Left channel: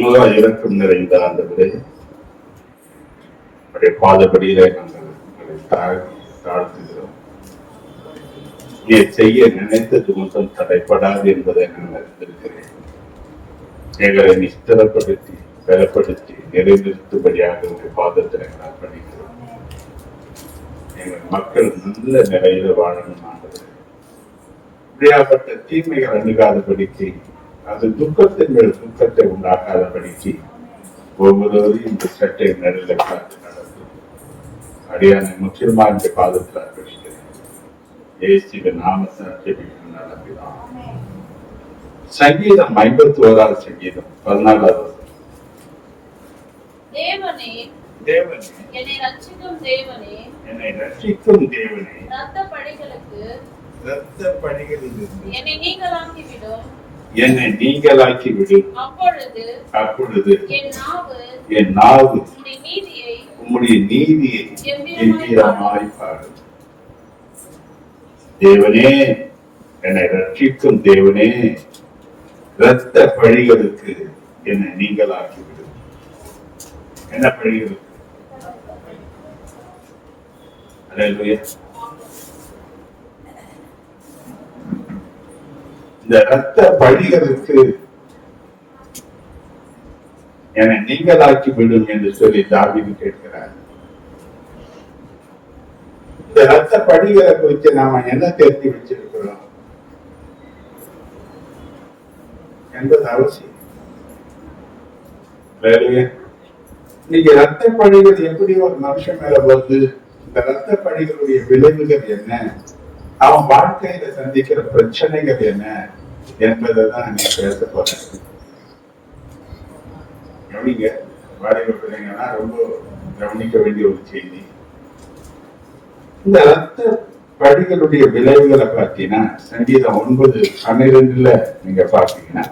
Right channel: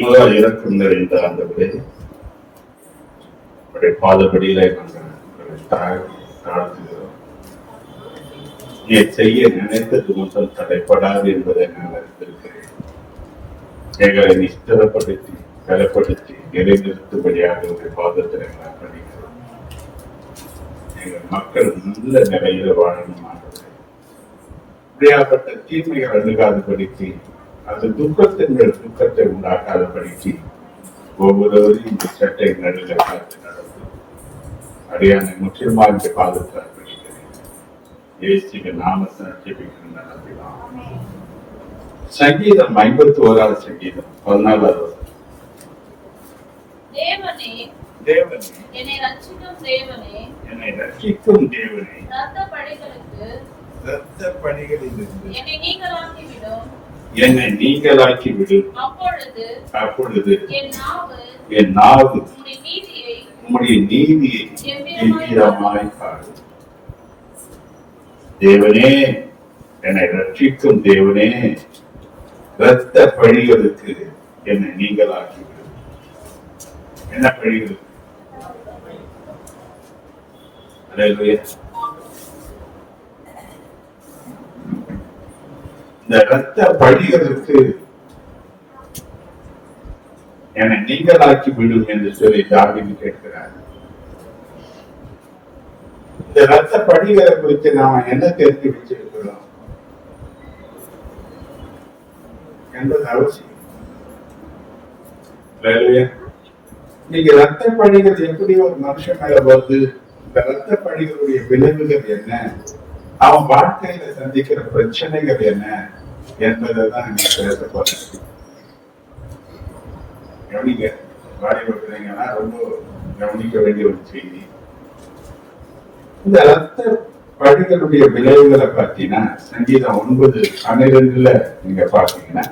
இறக்கம் நிறைந்த ஆண்டவரே, பாதப்படியில நாங்கள் தாழ்த்துகிறோம். நீ செய்ய நினைத்தது ஒன்றும் தடைப்படாது என்பதை நான் அறிந்திருக்கிறேன். எங்களை நீ ஸ்திரப்படுத்தி பலப்படுத்தி நிலைநிறுத்தும்படியாக உங்கள் பாதத்தில் நான் பண்ணிக்கிறோம். எங்கள் மக்கள் நல்ல நிலையில வாழணும் ஆண்டவரே. இப்படியாப்பட்ட தீமைகள் அணுகாதபடிக்கு, அது துக்கத்தின் மேல் துக்கத்தை உண்டாக்காதபடிக்கு ஒவ்வொருவரையும் இந்த சட்டை நடுவில் பார்த்து நடந்து அடியான முற்றிலுமாக இந்த பாதத்தில் அர்ப்பணிக்கிறேன். இயேசுவின் நாமத்தை ஜெபிக்கிறேன் நம்பினான். சங்கீதம் 51 சங்கீதம் 14 தேவனே, என்னை ரட்சிக்கும் தேவனே, இரத்த பழிகளிலிருந்து என்னை நீங்களாக்கி விடு. அப்பொழுது என் நாவு உம்முடைய நீதியை கம்பீரமாய் பாடும். தேவனே, என்னை ரட்சிக்கும் தேவனே, இரத்த பழிகளுக்கு என்னை நீங்களாக்கி விடு. என்ன பழிகள்? அல்லேலூயா. இந்த இரத்த பழிகளுக்கு என்னை நீங்களாக்கி விடும் என்று சொல்லி தாவீது கேட்கிறார். இந்த இரத்த பழிகளை குறித்து நாம என்ன தெரிஞ்சு வச்சிருக்கிறோம் என்பது அவசியம். நீங்க இரத்த பழிகள் எப்படி ஒரு மனுஷன் மேல வருது, இந்த இரத்த பழிகளுடைய விளைவுகள் என்ன, அவன் வாழ்க்கையில சந்திக்கிற பிரச்சனைகள் என்ன என்பதை தான் நீ பேச போறேன். கவனிங்க, வாடகை பிள்ளைங்கன்னா ரொம்ப கவனிக்க வேண்டிய ஒரு செய்தி. இந்த இரத்த பழிகளுடைய விளைவுகளை பார்த்தீங்கன்னா சங்கீதம் 9:12 நீங்க பாத்தீங்கன்னா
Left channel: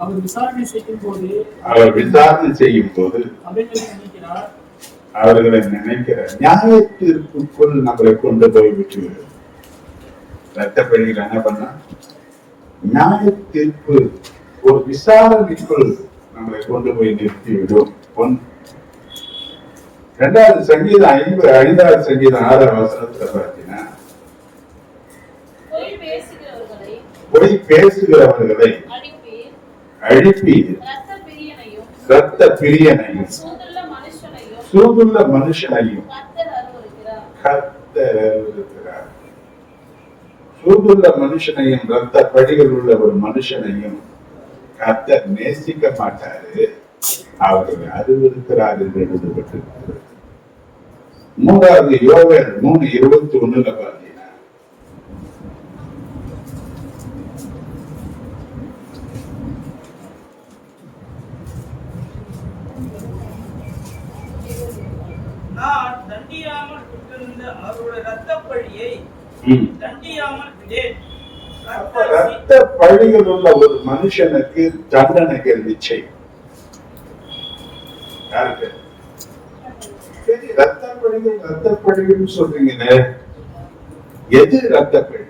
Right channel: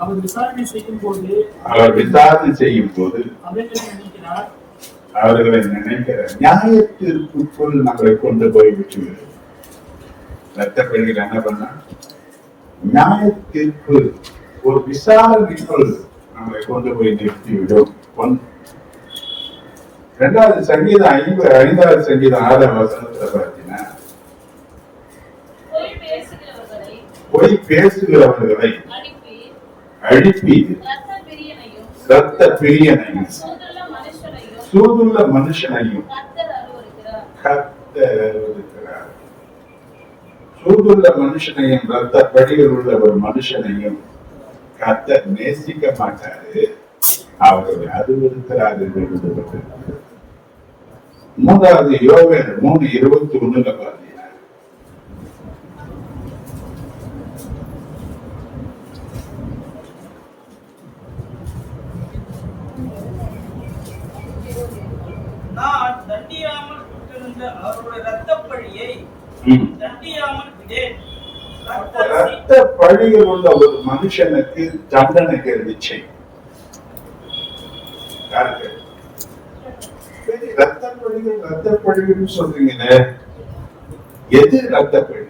அவர் விசாரணை செய்யும் போது அவர்களை நினைக்கிற நியாய தீர்ப்புக்குள் நம்மளை கொண்டு போய் விட்டு ரத்த பழிகள் என்ன பண்ணா நியாய தீர்ப்பு ஒரு விசாரணைக்குள் நம்மளை கொண்டு போய் நிறுத்திவிடும். 2வது சங்கீதம் 5வது சங்கீதம் 6வது வசனத்துல பார்த்தீங்கன்னா பொய் பேசுகிறவர்களை அழிப்பி இரத்த பிரியனையும் சூதுள்ள மனுஷனையும் கர்த்தர் அருவருக்கிறார். சூதுள்ள மனுஷனையும் இரத்த பழிகள் உள்ள ஒரு மனுஷனையும் கர்த்தர் நேசிக்க மாட்டாரு, அவர்களை அருவருக்கிறார் என்று எழுதப்பட்டிருக்கிறது. 3வது யோவேல் 3:21 பார்த்தீங்கன்னா ரத்த பழிகள் உள்ள ஒரு மனுஷனுக்கு தண்டனைகள் நிச்சயம். யாருக்கு ரத்த பழிகள் சொல்றீங்கன்னு எது ரத்த பழி?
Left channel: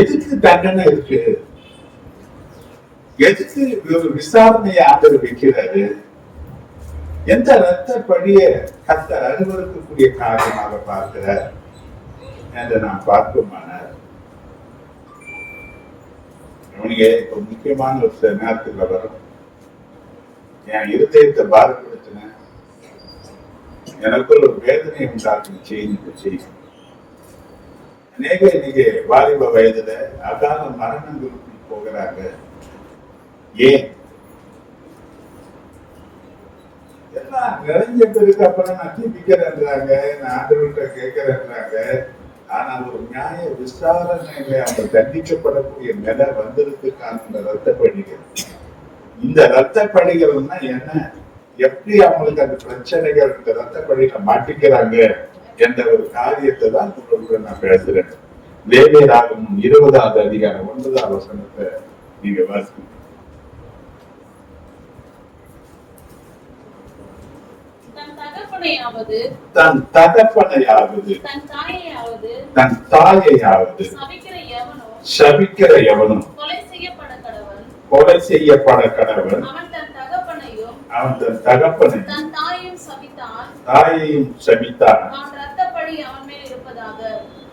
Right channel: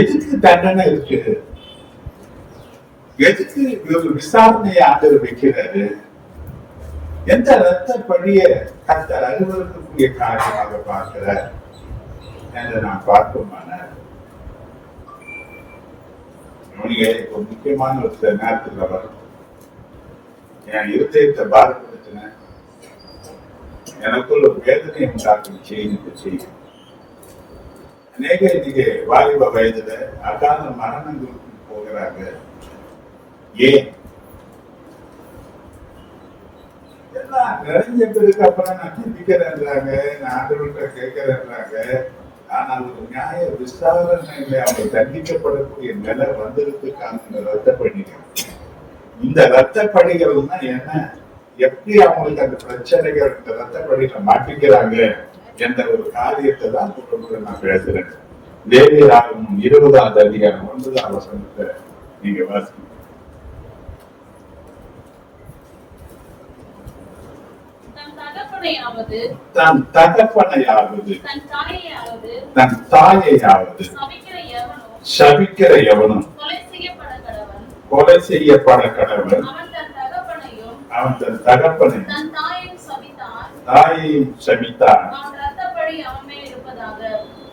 எதுக்கு தண்டனை இருக்கு? எதுக்கு ஒரு விசாரணையை ஆதரவு வைக்கிறாரு? எந்த ரத்த பழிய கர்த்தர் அருவருக்கக்கூடிய காரணமாக பார்க்கிறார் என்று நான் பார்க்குமான ஒரு முக்கியமான ஒரு நேரத்தில் வரும். என் இருதயத்தை பாரப்படுத்தின எனக்குள்ள ஒரு வேதனை உண்டாக்கும் செய்தி. அநேக இன்னைக்கு வாலிப வயதுல அகால மரணங்களுக்கு போகிறாங்க. ஏன்? எல்லாம் நிறைஞ்ச பேருக்கு அப்புறம் நான் ஜெபிக்கிறேன்றாங்க, நான் ஆண்டவர்கிட்ட கேட்கிறேன்றாங்க. ஆனால் ஒரு நியாய விசாரணையில அவங்க தண்டிக்கப்படக்கூடிய நிலை வந்திருக்காங்க. இந்த ரத்த பணிகள், இந்த ரத்த பணிகள்னா என்ன, எப்படி அவங்களுக்கு அந்த பிரச்சனைகள் இந்த ரத்த பணிகளை மாட்டிக்கிறாங்க என்ற ஒரு காரியத்தை தான் நான் பேசுறேன். லேவியராகமம் 20வது அதிகாரம் 9வது வசனத்தை நீங்க வாசிங்க. தன் தகப்பனையாவது தன் தன் தாயையாவது சபிக்கிற எவனும் கொலை செய்யப்பட கடவன். அவன் தன் தகப்பனை தாயையும் சபித்தான்.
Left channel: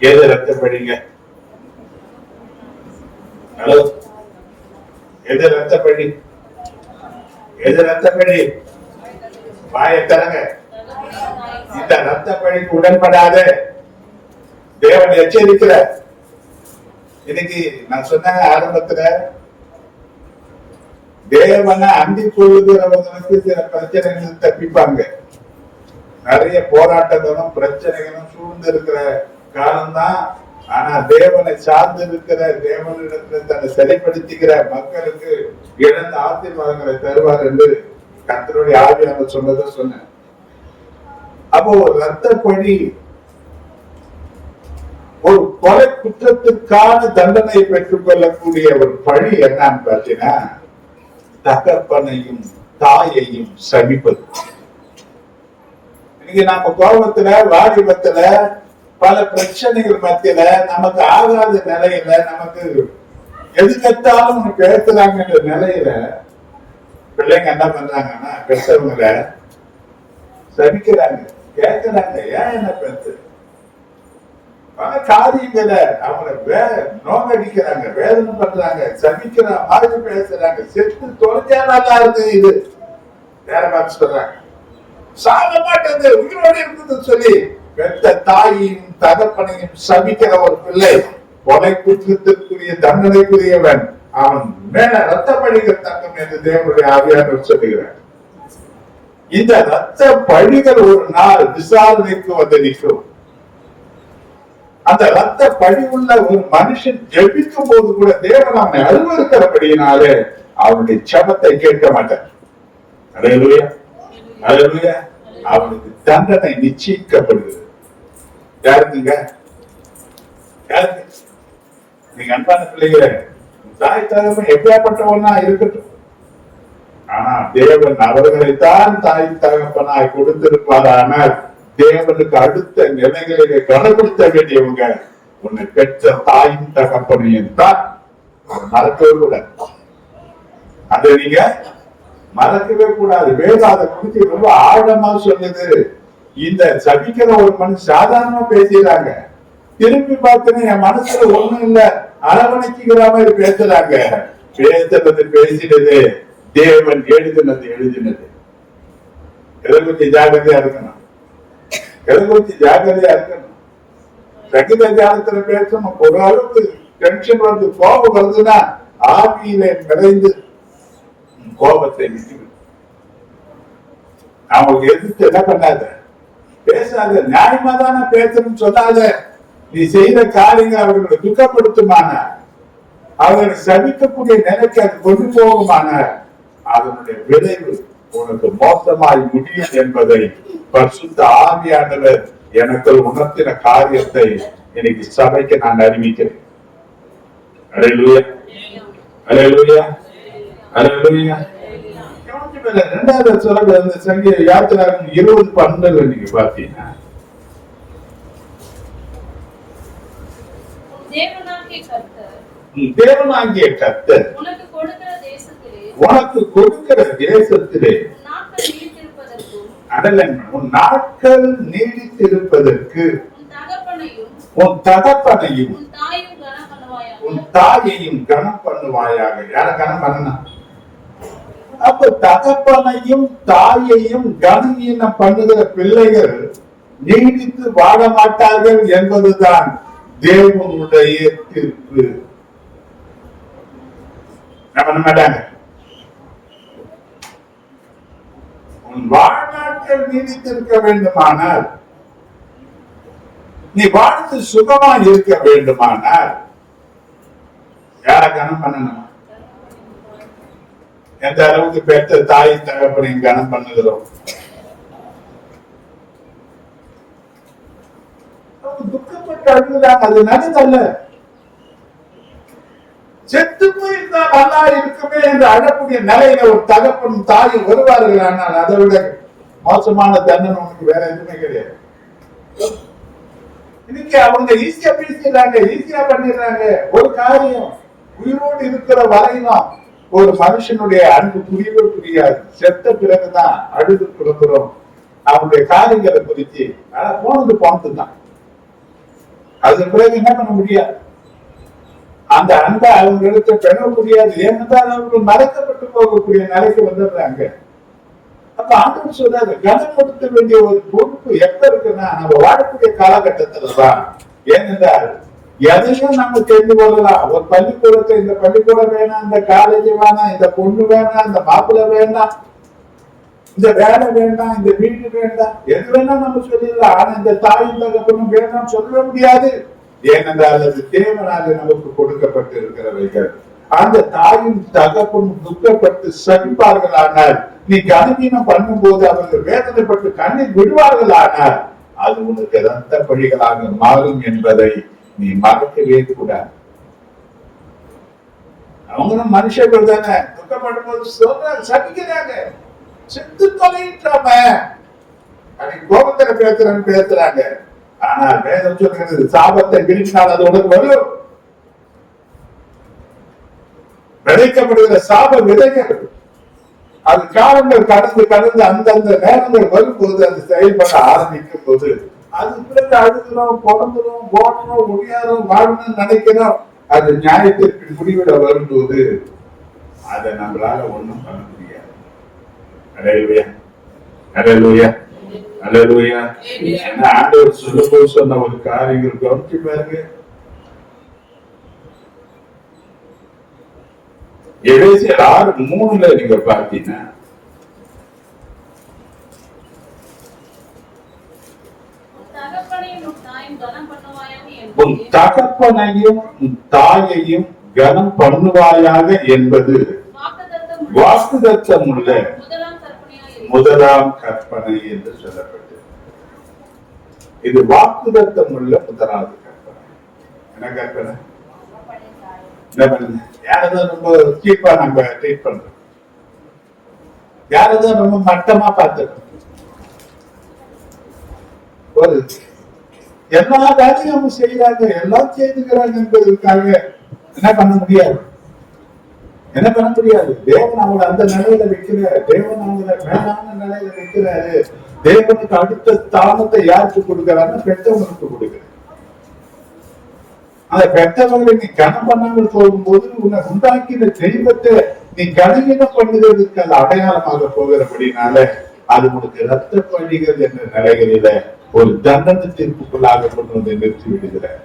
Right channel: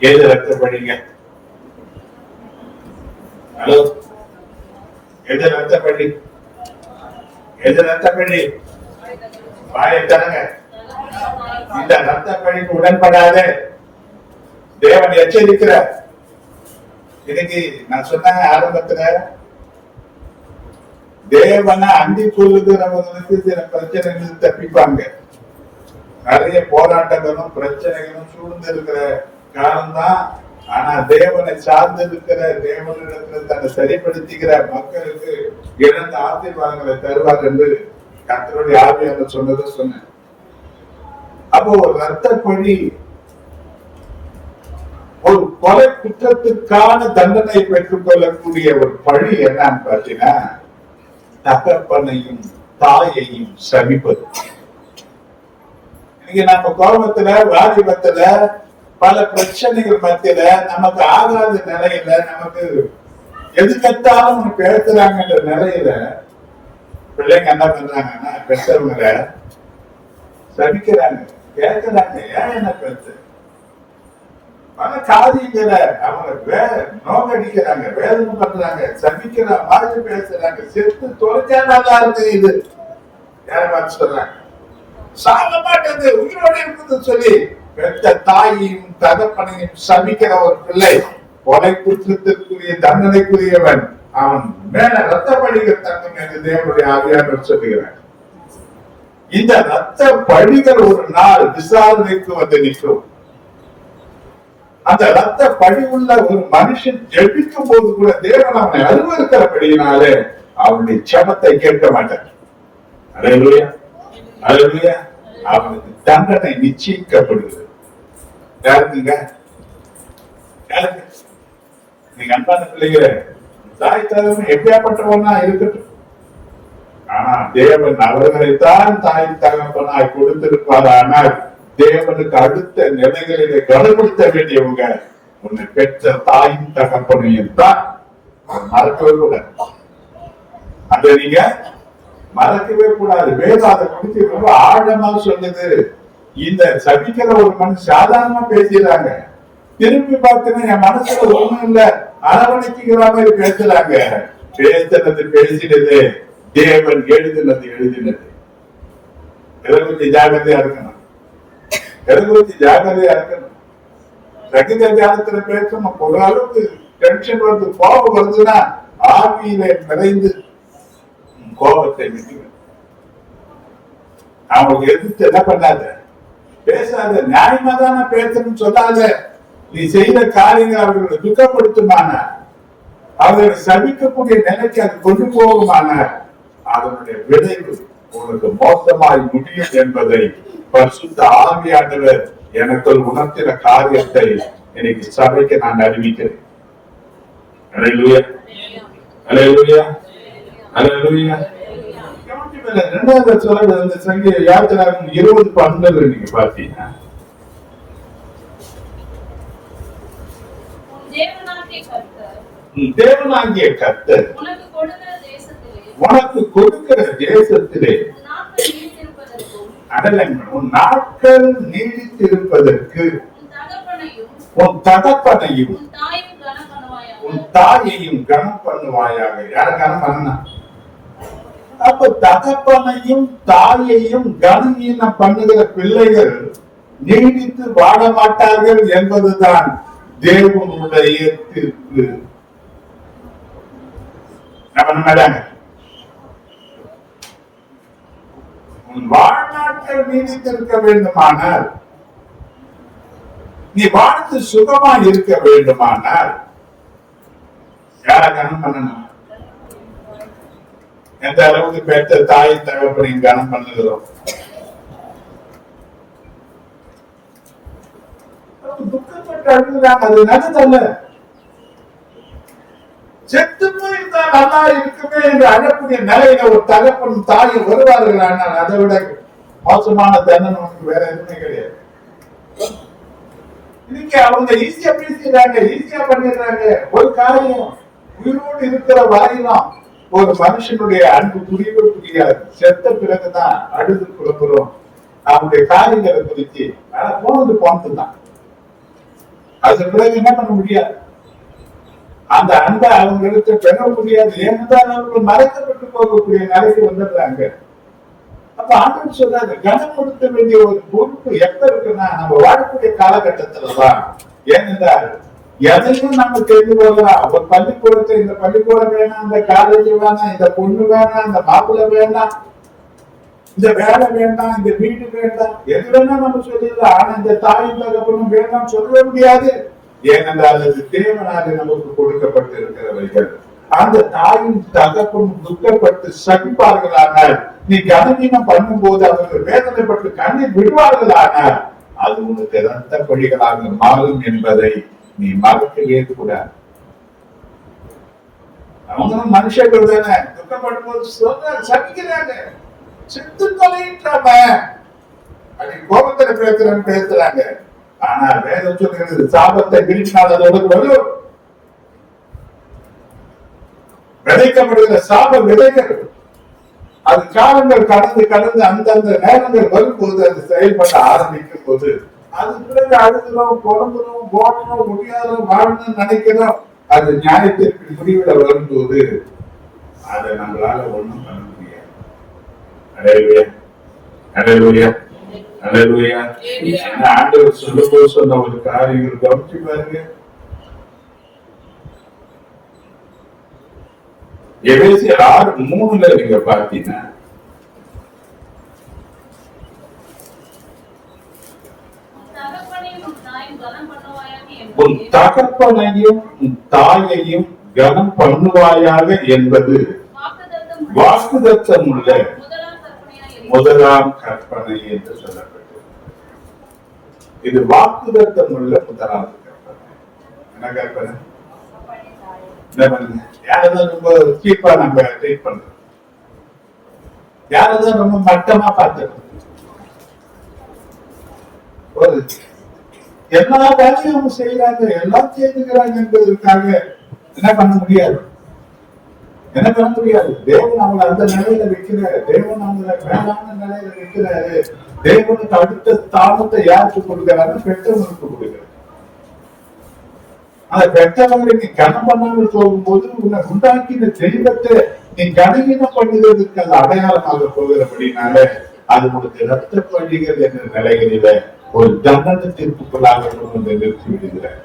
எது ரத்தப்படிங்க? ஹலோ, எது ரத்தப்படி? எது ரத்தப்படி? வாயை தரங்க. இந்த ரத்தப்படிக்கு உடன்படாத தேவன் எச்சரிக்கிற. இன்னைக்கு நான் சொன்னாங்க ஆரம்பத்துல, தேவனை அண்டிக் கொள்ளுகிறவங்களுக்கு சில பிரச்சனைகள் தப்பிப்பாங்க. நிறைய போராட்டங்களும் பிரச்சனைகளும் சூழ்ந்து இருக்கிற காலம்தான். ஆனா தேவனை சார்ந்து இருக்கிற, தேவனிடத்துல தன்னை சரிப்படுத்திக்கிற மக்களுக்கு இழந்த ஆசீர்வாதங்களை தருவார் என்று கர்த்தருடைய ஆவியானவர் சொன்னதை சொன்னேன். அப்போ ஒரு ரத்தப்பழி, ஒரு கொலை குற்றத்துக்கான தண்டனை பெற்றுக் கொள்ளக்கூடிய ஒரு பழி என்னன்னு பார்த்தீங்கன்னா, தகப்பனையும் தாயையும் சபிப்பது. இன்னைக்கு நம்ம கோபத்துல, வாலிபத்துல, பல பிரச்சனைகள் மத்தியில, நமக்கு ஆகாத நிலையில, நமக்கு எதுக்கத்தாலும் பேசுறாங்கன்ற நிலையில பிள்ளைங்க என்ன பண்றாங்கன்னா, பெற்றவங்களை சபிக்கிறாங்க, கேட்கிறாங்க. ஏன் என்ன பேசு? பல காரியங்களை அவங்களை நோக்கடிக்கிறாங்க, வேதனை பண்றாங்க, சபிக்கிற மாதிரி பேசுறாங்க. செத்து தொலைச்சா நல்லா இருக்கு, இது வேற மாதிரி சொல்றாங்க. சாக மாட்டேது, உயிரோடு இருக்குது சொல்லி பெற்ற தாயையும் தகப்பனையும் சபிக்கிற ஒரு பிள்ளை கொலை குற்றத்திற்குரிய தண்டனைக்குரியவன். அவன் மேல ரத்த பழிகள் தங்கும் என்று தேவனுடைய ஆவியானவர் சொல்லுகிறார். இந்த ரத்த பழிகள் ஒரு நாள் விசாரணைக்கு வந்து நிற்கும். அந்த ரத்த பழி உள்ள ஒரு மனுஷன் ஜெபிக்கும் போது கூட தேவன் அவனை அருவருக்கிறபடியினாலே அவனுடைய ஜெபத்தை கேட்க மாட்டார். அல்லேலூயா, அல்லேலூயா. அவனுக்கு தண்டனை நிச்சயிக்கப்படுகிறது. யாருங்க? நீங்க அன்பான பிள்ளைங்க, தாய் தகவல் எப்படியாப்பட்டவனா இருக்கட்டும், ஆனா தேவன் அவர்களைத்தான் தாய் தகப்பனாய் கொடுத்திருப்பார். ஆனால் தேவனுக்கு அடுத்த நிலைகளிலே கனப்படுத்த வேண்டியவங்க உன்னை பெற்ற தாயும் தகப்பனையும் தான். மறக்கவே கூடாது, அதை நீங்க மறக்கவே கூடாது. வேதம் அதை குறித்து ரொம்ப ஆழமா சொல்லுது. இந்த சபிக்கிற ஒரு மனுஷன் சாதாரணமா பேசுறாங்க, திரும்பி பார்த்தீங்கன்னா என் மனசுல ஒண்ணும் இல்ல, அரவணைக்கிற மாதிரி பேசுறாங்க. பேசுறது பேசினது, தேவன் எழுதினது எழுதினது. எதை குறித்து ஜாகிரதையா இருக்கணும், எதை குறித்து ஜாகிரதையா இருக்கணும். சகித தியானத்துல பேசணும். ஒரு அளவுக்கு டென்ஷன் வருது, கோபம் வருதுன்னா ஆவியிலே நிறைந்து கோபத்தை விட்டு அவங்களுக்கு எதிர்த்து என்ன பண்ணாத, பேசாத. நியாயமா தானே பேசணும்னு சொல்லாத. நீ செய்த காரியங்கள் அவர்களை துக்கப்படுத்துமான, அவர்களை சபிக்கக்கூடிய நிலைக்கு அது கொண்டு போகுமான, அதனுடைய விளைவு உனக்கு மோசமாய் முடியும் என்பதை பரிசுத்த ஆவியானவர் எனக்குள் உணர்த்தின காரியத்தை இன்னைக்கு சபைக்கு நான் அறிவிக்கிறேன். அல்லேலூயா, அல்லேலூயா, அல்லேலூயா. இரண்டாவது சொல்ல வந்து சங்கீத யாத்திராகம் 20:12 நீங்க பாத்தீங்கன்னா, தேவனாகிய கர்த்தர் உனக்கு கொடுக்கிற தேசத்திலே உன் நாட்கள் நீடித்திருப்பதற்கு உன் தகப்பனையும் உன் தாயையும் கனம் பண்ணுவாயாக. யார கனம் பண்ணணும்? அப்ப தகப்பனையும் தாயையும் கனவீனம் பண்ணுகிற பிள்ளைகள் நீடித்து வாழ மாட்டார்கள் என்பதுதான் தேவனுடைய தீர்ப்பு. உன் வாழ்நாட்கள் நீடித்திருக்க வேண்டுமானால், நீ வாழ்ந்து சுகமா இருக்க வேண்டுமானால் யார கனம் பண்ணணும்? எந்த அளவுக்கு பெற்ற தாய் தகப்பனையும் கனம் பண்ணுகிறோம். துக்கப்பட்டு அழுகுறாங்க, அது நல்லதல்ல. செத்து போயிருந்தா நல்லா இருக்குமே என்று அழக்கூடிய நிலையில ஒரு தகப்பனும் தாயும் வருவார்கள். ஆனால் அதை விட மோசமான தண்டனை உனக்கு வேற எதுவுமே கிடையாது. இன்னைக்கு அவங்க ஈஸியா பேசிடுறாங்க, ஈஸியா பண்ணிடுறாங்க. ஒரு காரியம் உயிரோடு இருக்கிற வரையிலும் ஒரு மனுஷனுடைய அன்பு புரியவே புரியாது. செத்த பிறகுதான் அழுது புறப்புறோம் அவனுடைய காரியங்களை குறித்து. ஆனா போனது தான். அது பிறகு என்ன பண்ண முடியாது, அந்த அன்பை அவங்க எடுத்து பெற முடியாது. ஏனென்றால் அவர்கள் மறைக்கப்பட்டு போகக்கூடிய நிலைக்கு வந்துடுறாங்க. அப்ப ஆண்டவர் சொல்றாரு, கனப்படுத்த வேண்டிய ஒரு பொறுப்பு எப்ப இருக்குன்னா நம்ம வாழக்கூடிய காலகட்டத்துலதான். ஏனென்றால் எதையும் நம்ம தெரிந்து கொள்ளலாம். ஒரு பள்ளிக்கூடத்தை, இந்த பள்ளிக்கூடம் வேணாம், இந்த காலேஜ் வேணாம், இந்த பொண்ணு வேணாம், இந்த மாப்பிள்ளை வேண்டாம், இந்த வேலை வேண்டாம், இந்த வீடு வேண்டாம், எது வேணா நம்ம சொல்லிடலாம். ஆனா இந்த தாயும் தகப்பனும் வேண்டாம் சொல்ல முடியாது. ஏனென்றால் அது தேவனாக நமக்கு கொடுக்கப்பட்டு இருக்கிறவைகள். அந்த தாயும் தகப்பும் துக்கப்பட்டு சகிப்பார்கள். ஆனால் நீ கனவீனம் பண்ணும் போது அவர்கள் வேதனைப்பட்டு கண்ணீர் விடுவார்கள். ஆனால் அது உனக்கு ரத்த பழிகளாக மாறும் என்பதை நீ மறக்கவே கூடாது. அவங்களும் மனுஷர்கள் தானே, துக்கப்படும் போது சொல்ற சகிக்கிறாங்க, செத்து தொலையிட்டாம அப்படி கோபத்துல பேசுறாங்க. ஆனால் வேதம் சொல்கிறது, சாபத்தை விரிச்சினால் அது உனக்கு வரும். விதைக்கப்படுகிற சாப விதைகள் அது காலங்கள் கடந்து கடந்து அந்தந்த நேரங்கள் வரும்போது அது செயல்பட ஆரம்பிக்கும் போது அது பிறகு அழுகிறோம், புறந்துறோம், போடணும், முடியாதோம், வாழணும்னு நினைக்கிறோம். அது நியாயத்திற்கு முடிவிட வரும்போது அதை நம்மளால ஒண்ணும் பண்ண முடியாது. அல்லேலூயா, அல்லேலூயா, அல்லேலூயா. ஆண்டவர் சொல்லும்போது சொன்ன ஒரு காரியங்கள் கவனிச்சு பாருங்க. எபேசியர் 6:3 நீங்க பார்த்தீங்கன்னா, உன் தகப்பனையும் தாயையும் கனம் பண்ணுவாயாக என்பது வாக்குதத்தம் உள்ள முதலாம் கற்பனை என்று சொல்லப்பட்டது. இது வாக்குதத்தம் உள்ள முதலாவது கற்பனை. என்ன கற்பனை? என்ன பண்ணுங்க, யாரதான் ரொம்ப சீப்பா நம்ம ட்ரீட் பண்றோம், யாரதான் ரொம்ப மட்டமா பார்த்துக்கணும். ஒரு எல்லா வேலையும் அவங்க செய்யறாங்க, எல்லாம் செய்துக்கிறாங்க என்பதற்காக என்ன பண்ண முடியாது, என்ன பண்ண முடியாது. தேவன் அவங்களை அந்த நிலையில வைக்கிறாரு, தேவன் அவங்களை மேலான நிலையில வைக்கிறாரு. தேவனுக்கு அடுத்த ஸ்தானத்தை யாருக்கு கொடுக்கிறாருன்னு பெற்றவங்களுக்கு கொடுக்கிறார். அந்த பெற்றவர்களை நீ கனம் பண்ணாமல் போகும்போது உன்னை உண்டாக்கின தெய்வத்தை நீ கனவீனம் பண்ணுவதற்கு அந்த அடையாளமாக போகிறபடினால அது உனக்கு ரத்த பழிகள் என்ற நிலைகளில ஒரு தண்டனை தீர்ப்புக்குள்ளாக கொண்டு வந்து நிறுத்தி விடுகிறார்.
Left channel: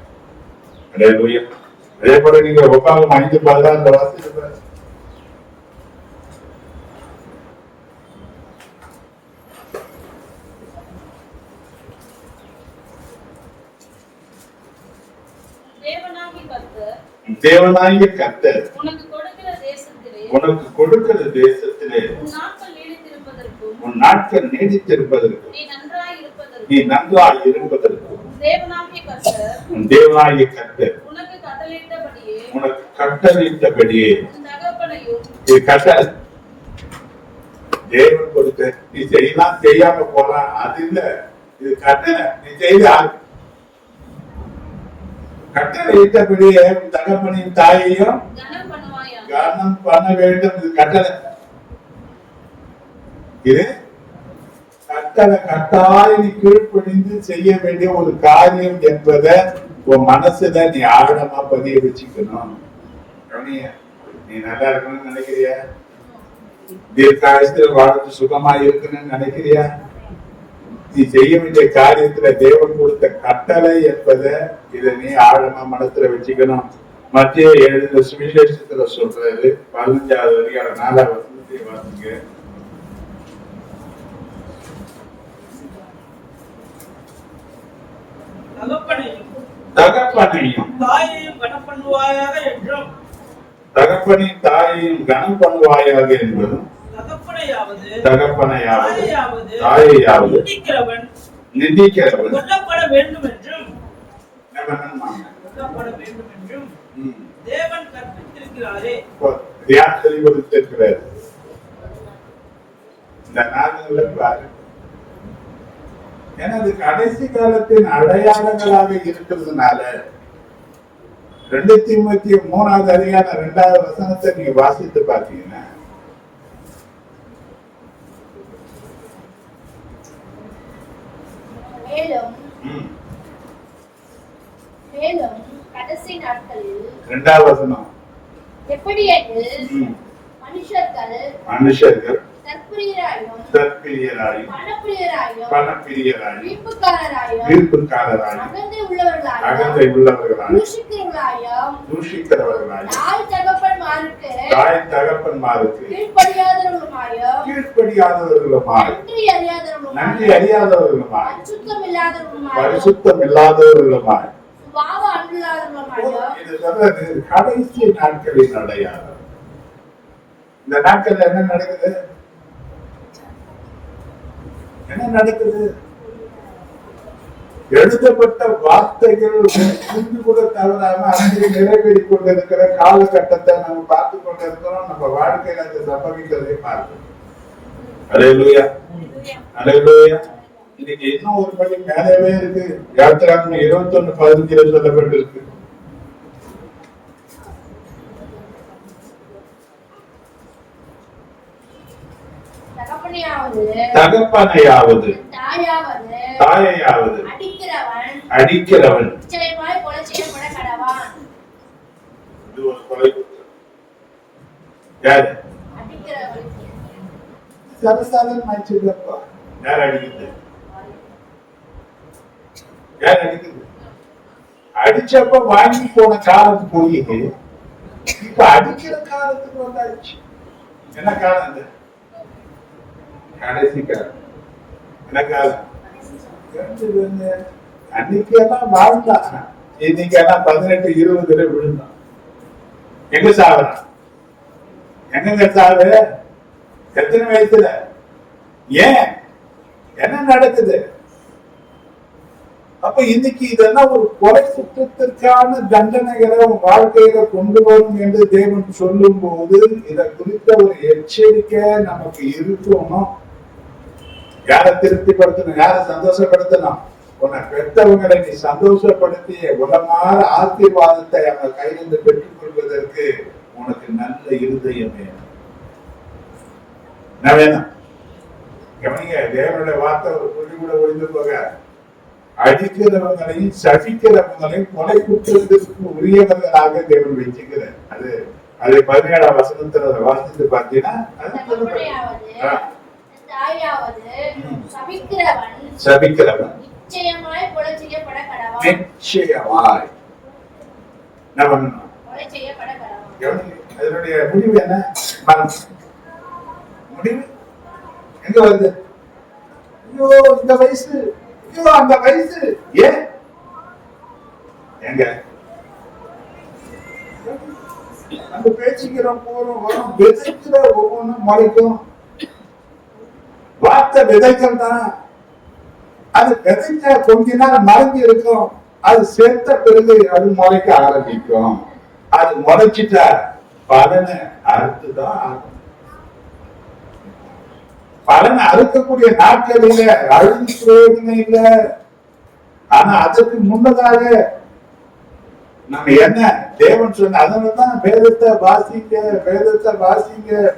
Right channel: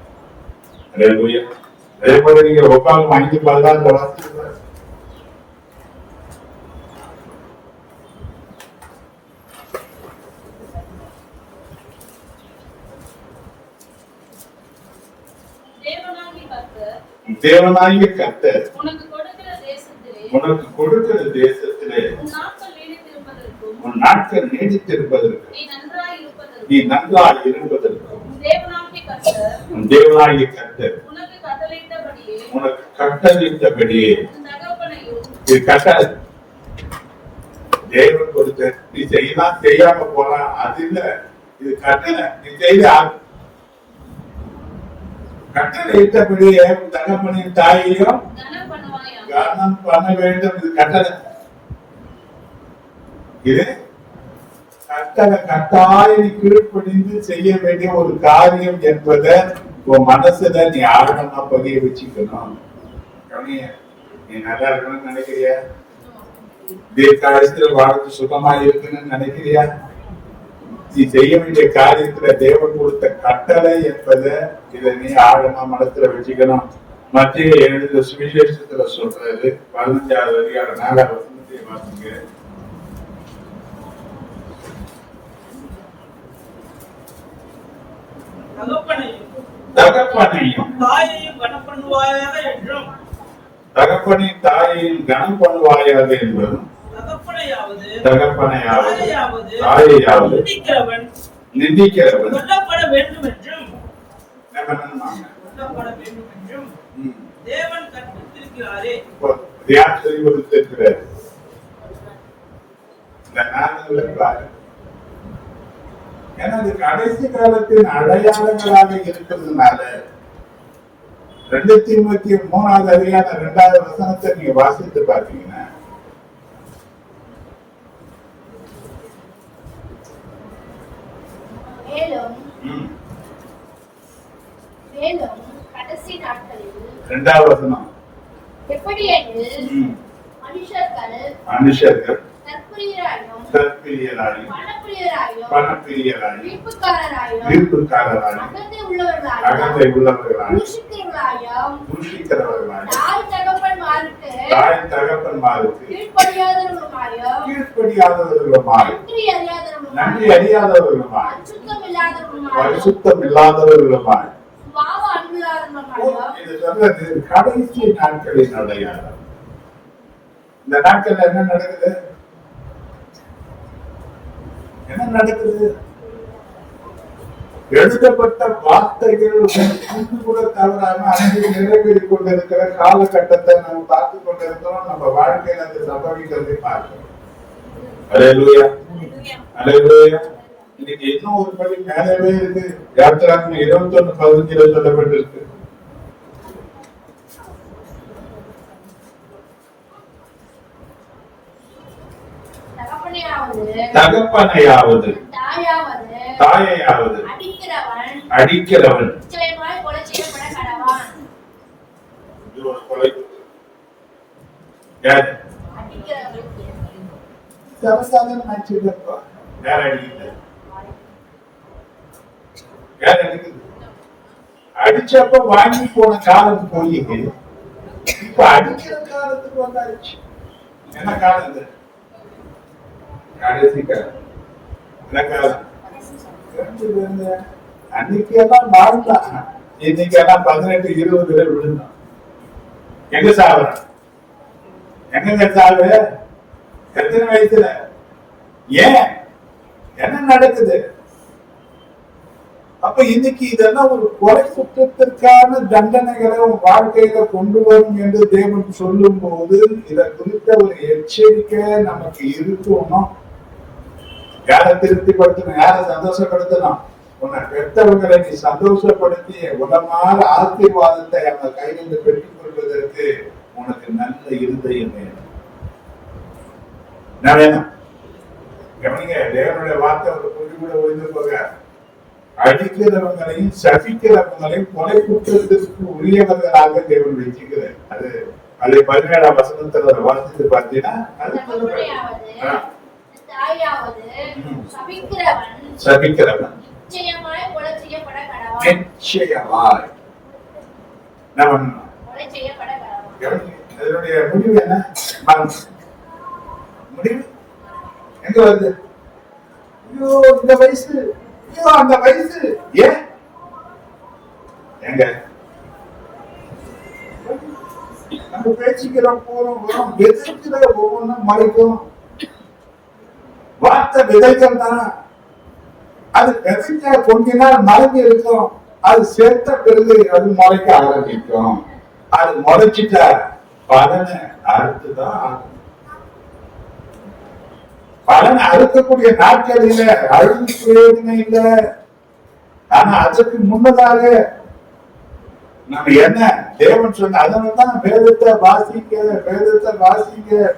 அதே போல நீங்க உட்காந்து 5:16 வாசிக்கிறார். தேவனாகிய கர்த்தர் உனக்கு கொடுக்கிற தேசத்திலே உன் நாட்கள் நீடித்திருப்பதற்கு நீ நன்றாய் இருப்பதற்கு தேவனாகிய கர்த்தர் உனக்கு கட்டளையிட்டபடியே தேவன் கொடுத்த நீ செய்யலாம், செய்யாம போலாம், அது இல்ல, இது கட்டளை. நீ செய்த கட்டளையிட்டபடியே தகப்பனையும் தாயையும் கனம் பண்ண வேண்டும். இது கட்டளை. இது கட்டளை, கட்டாயம் நீ கீழ்ப்படிந்து செய்ய வேண்டிய ஒரு காரியம் என்பதை உன் மனசுல நீ ஆழமா பதிய வச்சுக்கணும். நீ நல்லா இருக்கணும்னு நினைக்கிறியா? தீர்க்காயத்தில் வாழ்ந்து சுகமா இருக்கணும்னு நினைக்கிறியா? நீ செய்ய வேண்டிய காரியத்துல தேவன் கொடுத்த கட்டளை என்பதை இதை நீ ஆழமா மனசுல வச்சுக்கணும். மத்திய எழுத சுவிசேஷத்துல சொல்றது 15வது அதிகாரம் 4வது வசனத்தை வாசிங்க. தகப்பனையும் தாயையும் கனம் பண்ணுவாயாக என்றும் தகப்பனையும் தாயையும் கனம் பண்ணுவாயாக என்பதும் தகப்பனையாவது தாயையாவது நிந்திக்கிறவன் கொல்லப்பட வேண்டும் என்றும் தேவன் கற்பித்திருக்கிறாரே. யார் தெளிவுபடுத்திருக்கிறார்? இந்த நாடுகளை பாரு. ஏன்னா அது கடைசி காலத்தின் அடையாளங்களாக இருக்கிறதுனால 2 தீமோத்தேயு 3வது அதிகாரம் 2வது வசனத்தை நீங்க வாசித்து பாத்தீங்கன்னா, மேலும் கடைசி நாட்களில் 2வது வசனம், எப்படியெனில் மனுஷர்கள் தற்பிரியராயும் பணப்பிரியராயும் வீர்ப்புக்காரராயும் அகந்தை உள்ளவர்களாயும் தூஷிக்கிறவர்களாயும் தாய் தகப்பன்மாருக்கு கீழ்ப்படியாதவர்களுமாய் நன்றி அறியாதவர்களுமாய் பரிசுத்தம் இல்லாதவர்களுமாய் இது சொல்றது கடைசி நாட்களின் அடையாளம். இந்த நாட்கள் என்ன நடக்குது? என்ன நடக்குது? எழுதப்பட்ட வார்த்தைகள் கூட தவறாம அங்கே நிறைவேறிக் கொண்டிருக்கிற காலகட்டத்தை நம்ம பார்த்து கொண்டிருக்கிறோம். நம்ம வாழ்க்கையில் அந்த சம்பவிக்கிறதை பார்க்கிறோம். அல்லேலூயா, அல்லேலூயா. இன்னைக்கு இன்னும் ஒரு படி மேலவே இருக்கு. யாத்திராகமம் 21:15 சொல்லப்பட்டிருக்கு. தகப்பனையாவது தாயையாவது அடிக்கிறவன் இது ஒரு கொலை. யாரு சர்வசாதாரணமாச்சுப்பா? யார் அடிக்கிறது? யார் அடிக்கிறது? அடிச்சப்ப வாங்கி போன காலம் போய் இப்ப அடிக்கிற காலத்துக்கு வந்தாச்சு. என்ன காலம் இது? கடைசி காலம். என்ன காலம்? அன்னைக்கு எல்லாம் வாழ்ந்தான், இன்னைக்கு எல்லாம் 18-20 விழுந்தான். எங்க சாகுறான்? எங்க சாகு? எத்தனை வயசுல? ஏன்? என்ன நடக்குது? அப்ப இன்னைக்கு இதெல்லாம் ஒரு கொலை குற்றத்திற்கான தண்டனைகளை உன் வாழ்க்கையில கொண்டு வரும் என்று தேவன் சொல்லும் போது இதை குறித்த ஒரு எச்சரிக்கை நமக்கு இருக்கணும். யாரை திருப்திப்படுத்தணும்? யாரை சந்தோஷப்படுத்தணும்? உன்னை பெற்றவங்களை நீ சந்தோஷப்படுத்திய உடமாற ஆசீர்வாதத்தை அவன் கையிலிருந்து பெற்றுக் கொள்வதற்கு உனக்கு நல்ல இருதயம் வேணும். என்ன வேணும்? கவனிங்க, தேவனுடைய வார்த்தை ஒரு புள்ளி கூட ஒழிந்து போக, அடிக்கிறவங்களையும் சபிக்கிறவங்களையும் கொலை குற்றத்திற்கு உரியவர்களாக தேவன் வச்சுக்கிறார். அது 17ஆம் வசனத்துல வாசித்து பார்த்தீங்கன்னா சபிக்கிறவன் நிச்சயமாய் அதனுடைய முடிவு என்ன? முடிவு எங்க வருது? இந்த வயசு, அந்த வயசு, ஏன் எங்க அந்த பேச்சுக்கிறோம் போறோம் வரும், விதைக்கிற ஒவ்வொன்றும் மறைக்கும். வார்த்தை விதைக்கம் தான். அது விதைச்சா கொஞ்ச நாள் மறைஞ்சு இருக்கும். அது சேர்த்த பிறகு அது முளைக்க ஆரம்பிக்கும். அது முளைச்சிட்டா பலனை அறுத்துதான். பலனை அறுக்கக்கூடிய நாட்களில அழுது பிரயோஜனம் இல்லை. ஆனா அதற்கு முன்னதாக நம்ம என்ன தேவன் சொன்ன, அதனாலதான் வேதத்தை வாசிக்க,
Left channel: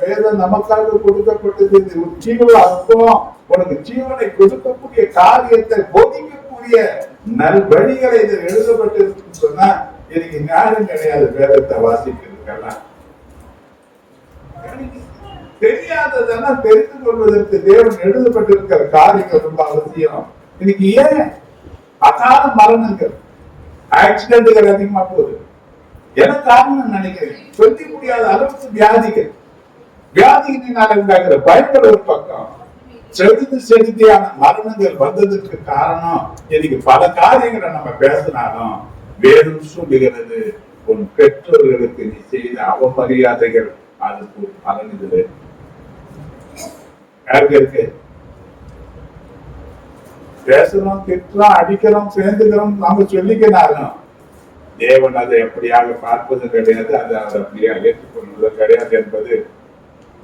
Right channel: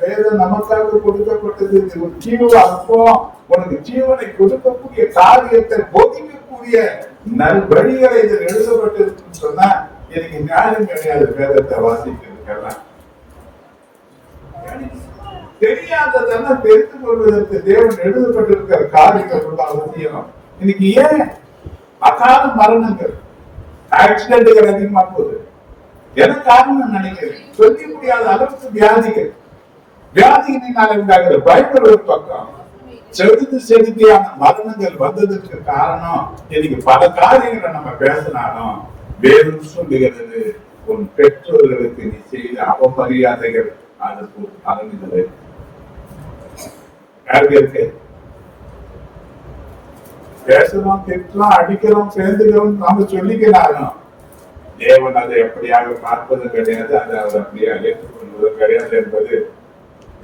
வேதம் நமக்காக கொடுக்கப்பட்டது. ஜீவன அனுபவம், உனக்கு ஜீவனை கொடுக்கக்கூடிய காரியத்தை போதிக்கக்கூடிய நல்வழிகளை இதில் எழுதப்பட்டிருக்குன்னு சொன்னா எனக்கு ஞானம் கிடையாது. வேதத்தை வாசிக்கிறதுக்கெல்லாம் தெரியாததெல்லாம் தெரிந்து கொள்வதற்கு தேவன் எழுதப்பட்டிருக்கிற காரியங்கள் ரொம்ப அவசியம். இன்னைக்கு ஏன் அகால மரணங்கள், ஆக்சிடென்ட்கள் அதிகமா போகுது? என்ன காரணம் நினைக்கிறேன்? சொல்ல முடியாத அளவுக்கு வியாதியினால உண்டாகிற பயங்கள் ஒரு பக்கம், செலுத்தியான மரணங்கள் வந்ததற்கு காரணம் இன்னைக்கு பல காரியங்களை நம்ம பேசினாலும் வேறும் சொல்லுகிறது, உன் பெற்றோர்களுக்கு நீ செய்த அவமரியாதைகள் அதுக்கு அகங்குது. யாருக்கு இருக்கு? பேசுறோம், திட்டுறோம், அடிக்கிறோம், சேர்ந்துக்கிறோம், நாம சொல்லிக்கிறாங்க. தேவன் அதை எப்படியாக பார்ப்பதும் கிடையாது, அதை அவர் அப்படியே ஏற்றுக்கொள்வதும் கிடையாது என்பது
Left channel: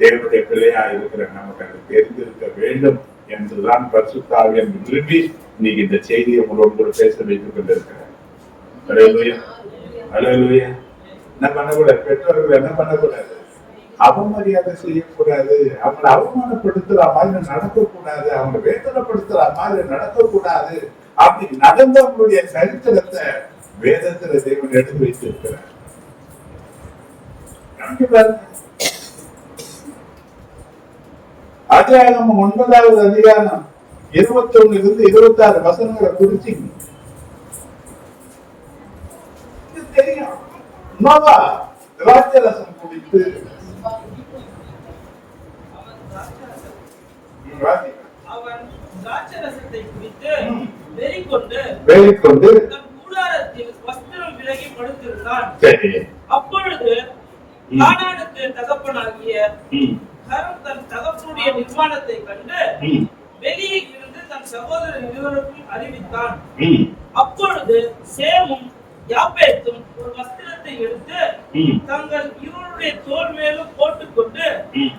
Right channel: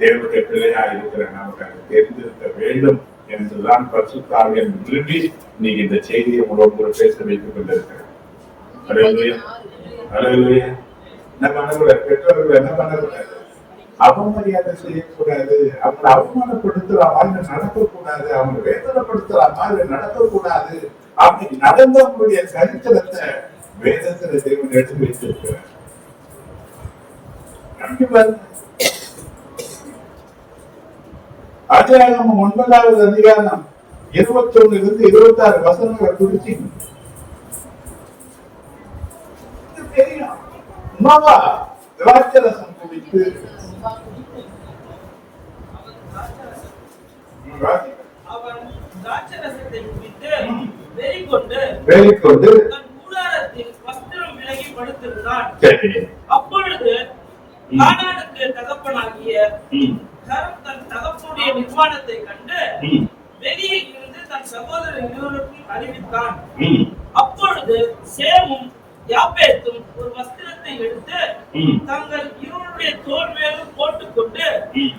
தேவனுடைய பிள்ளையா இருக்கிற நமக்கு அது தெரிந்திருக்க வேண்டும். என்றுதான் பரிசுத்த ஆவியானவர் விரும்பி நீங்க இந்த செய்தியை உங்களோடு பேச வைத்துக் கொண்டிருக்கிறேன். அல்லேலூயா, அல்லேலூயா. என்ன பண்ணக்கூடாது? பெற்றோர்கள் என்ன பண்ணக்கூடாது? அவமரியாதை செய்யக்கூடாது, அவங்களை அவமானப்படுத்துற மாதிரி நடக்கக்கூடாது, அவங்களை வேதனைப்படுத்துற மாதிரி நடக்கக்கூடாது. அப்படி நடந்தவங்களுடைய சரித்திரத்தை வேதத்துல தேவன் எடுத்து வைத்திருக்கிறார். அத்தியாயம் 9வது அதிகாரம் 21 to 26 வசனங்களை குறிச்சு தெரியும். நோவா திராட்சரசம் குடித்து அவன் திராட்சரசத்தை குடித்து வெறிகொண்டு தன் கூடாரத்தில் வஸ்திரம் விலகி படுத்திருந்தான். அப்பொழுது கானானுக்கு தகப்பனாகிய கரம் தன் தகப்பனுடைய நிர்மாணத்தை கண்டு வெளியே இருந்து தன் சகோதரர் இருவருக்கும் அறிவித்தான். அப்பொழுது சேமும் யாப்பேத்தும் ஒரு வஸ்திரத்தை எடுத்து தங்கள் இருவருடைய தோள் மேலும் போட்டுக்கொண்டு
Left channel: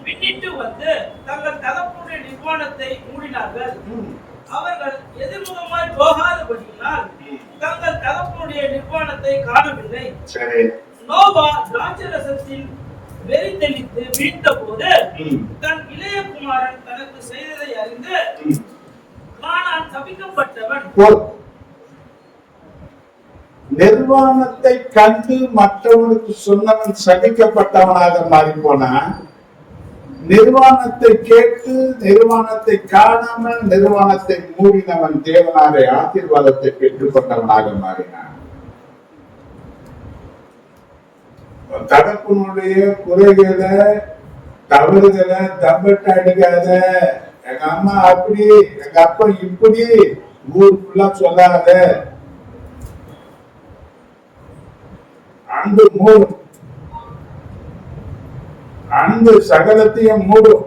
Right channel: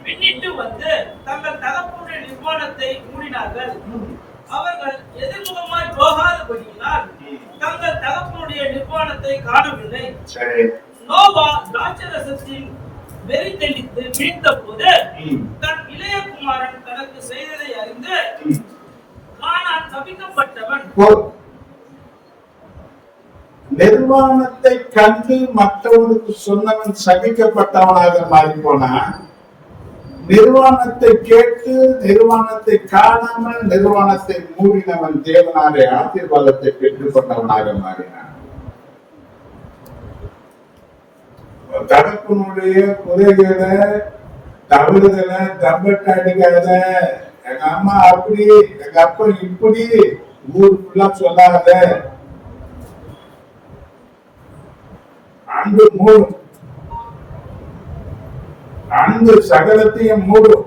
பின்னிட்டு வந்து தங்கள் தகப்பனுடைய நிர்மாணத்தை மூடினார்கள். அவர்கள் எதிர்முகமாய் போகாதபடியினால் தங்கள் தகப்பனுடைய நிர்மாணத்தை காணவில்லை. நோவா திராட்சரசத்தில் வெறி தெளித்து வீழ்ந்த போது தன் இளைய குமாரன் தனக்கு செய்ததை அறிந்து கானான் சபிக்கப்பட்டவன். நிர்வாணத்தை கண்டு மற்றவனுக்கு சொன்னவன் சபிக்கப்பட்டவனாக மாறி போனான். நிர்வாணத்தை கேட்டு நிர்வாணத்தை காணாமல் நிர்வாணத்தை மூடினவன் தேவனாலே ஆசீர்வாதத்தை பெற்றுக் கொண்டவனாக மாறினான். தகப்பனுடைய குறைகளை தவறுகளை தம்பட்ட எடுக்காத, எங்க அம்மா அப்படி எங்க அப்பா இப்படி ஊர் ஃபுல்லா சொல்லாத. அன்பு மூடும், அன்பு சகலத்தையும் மூடும்.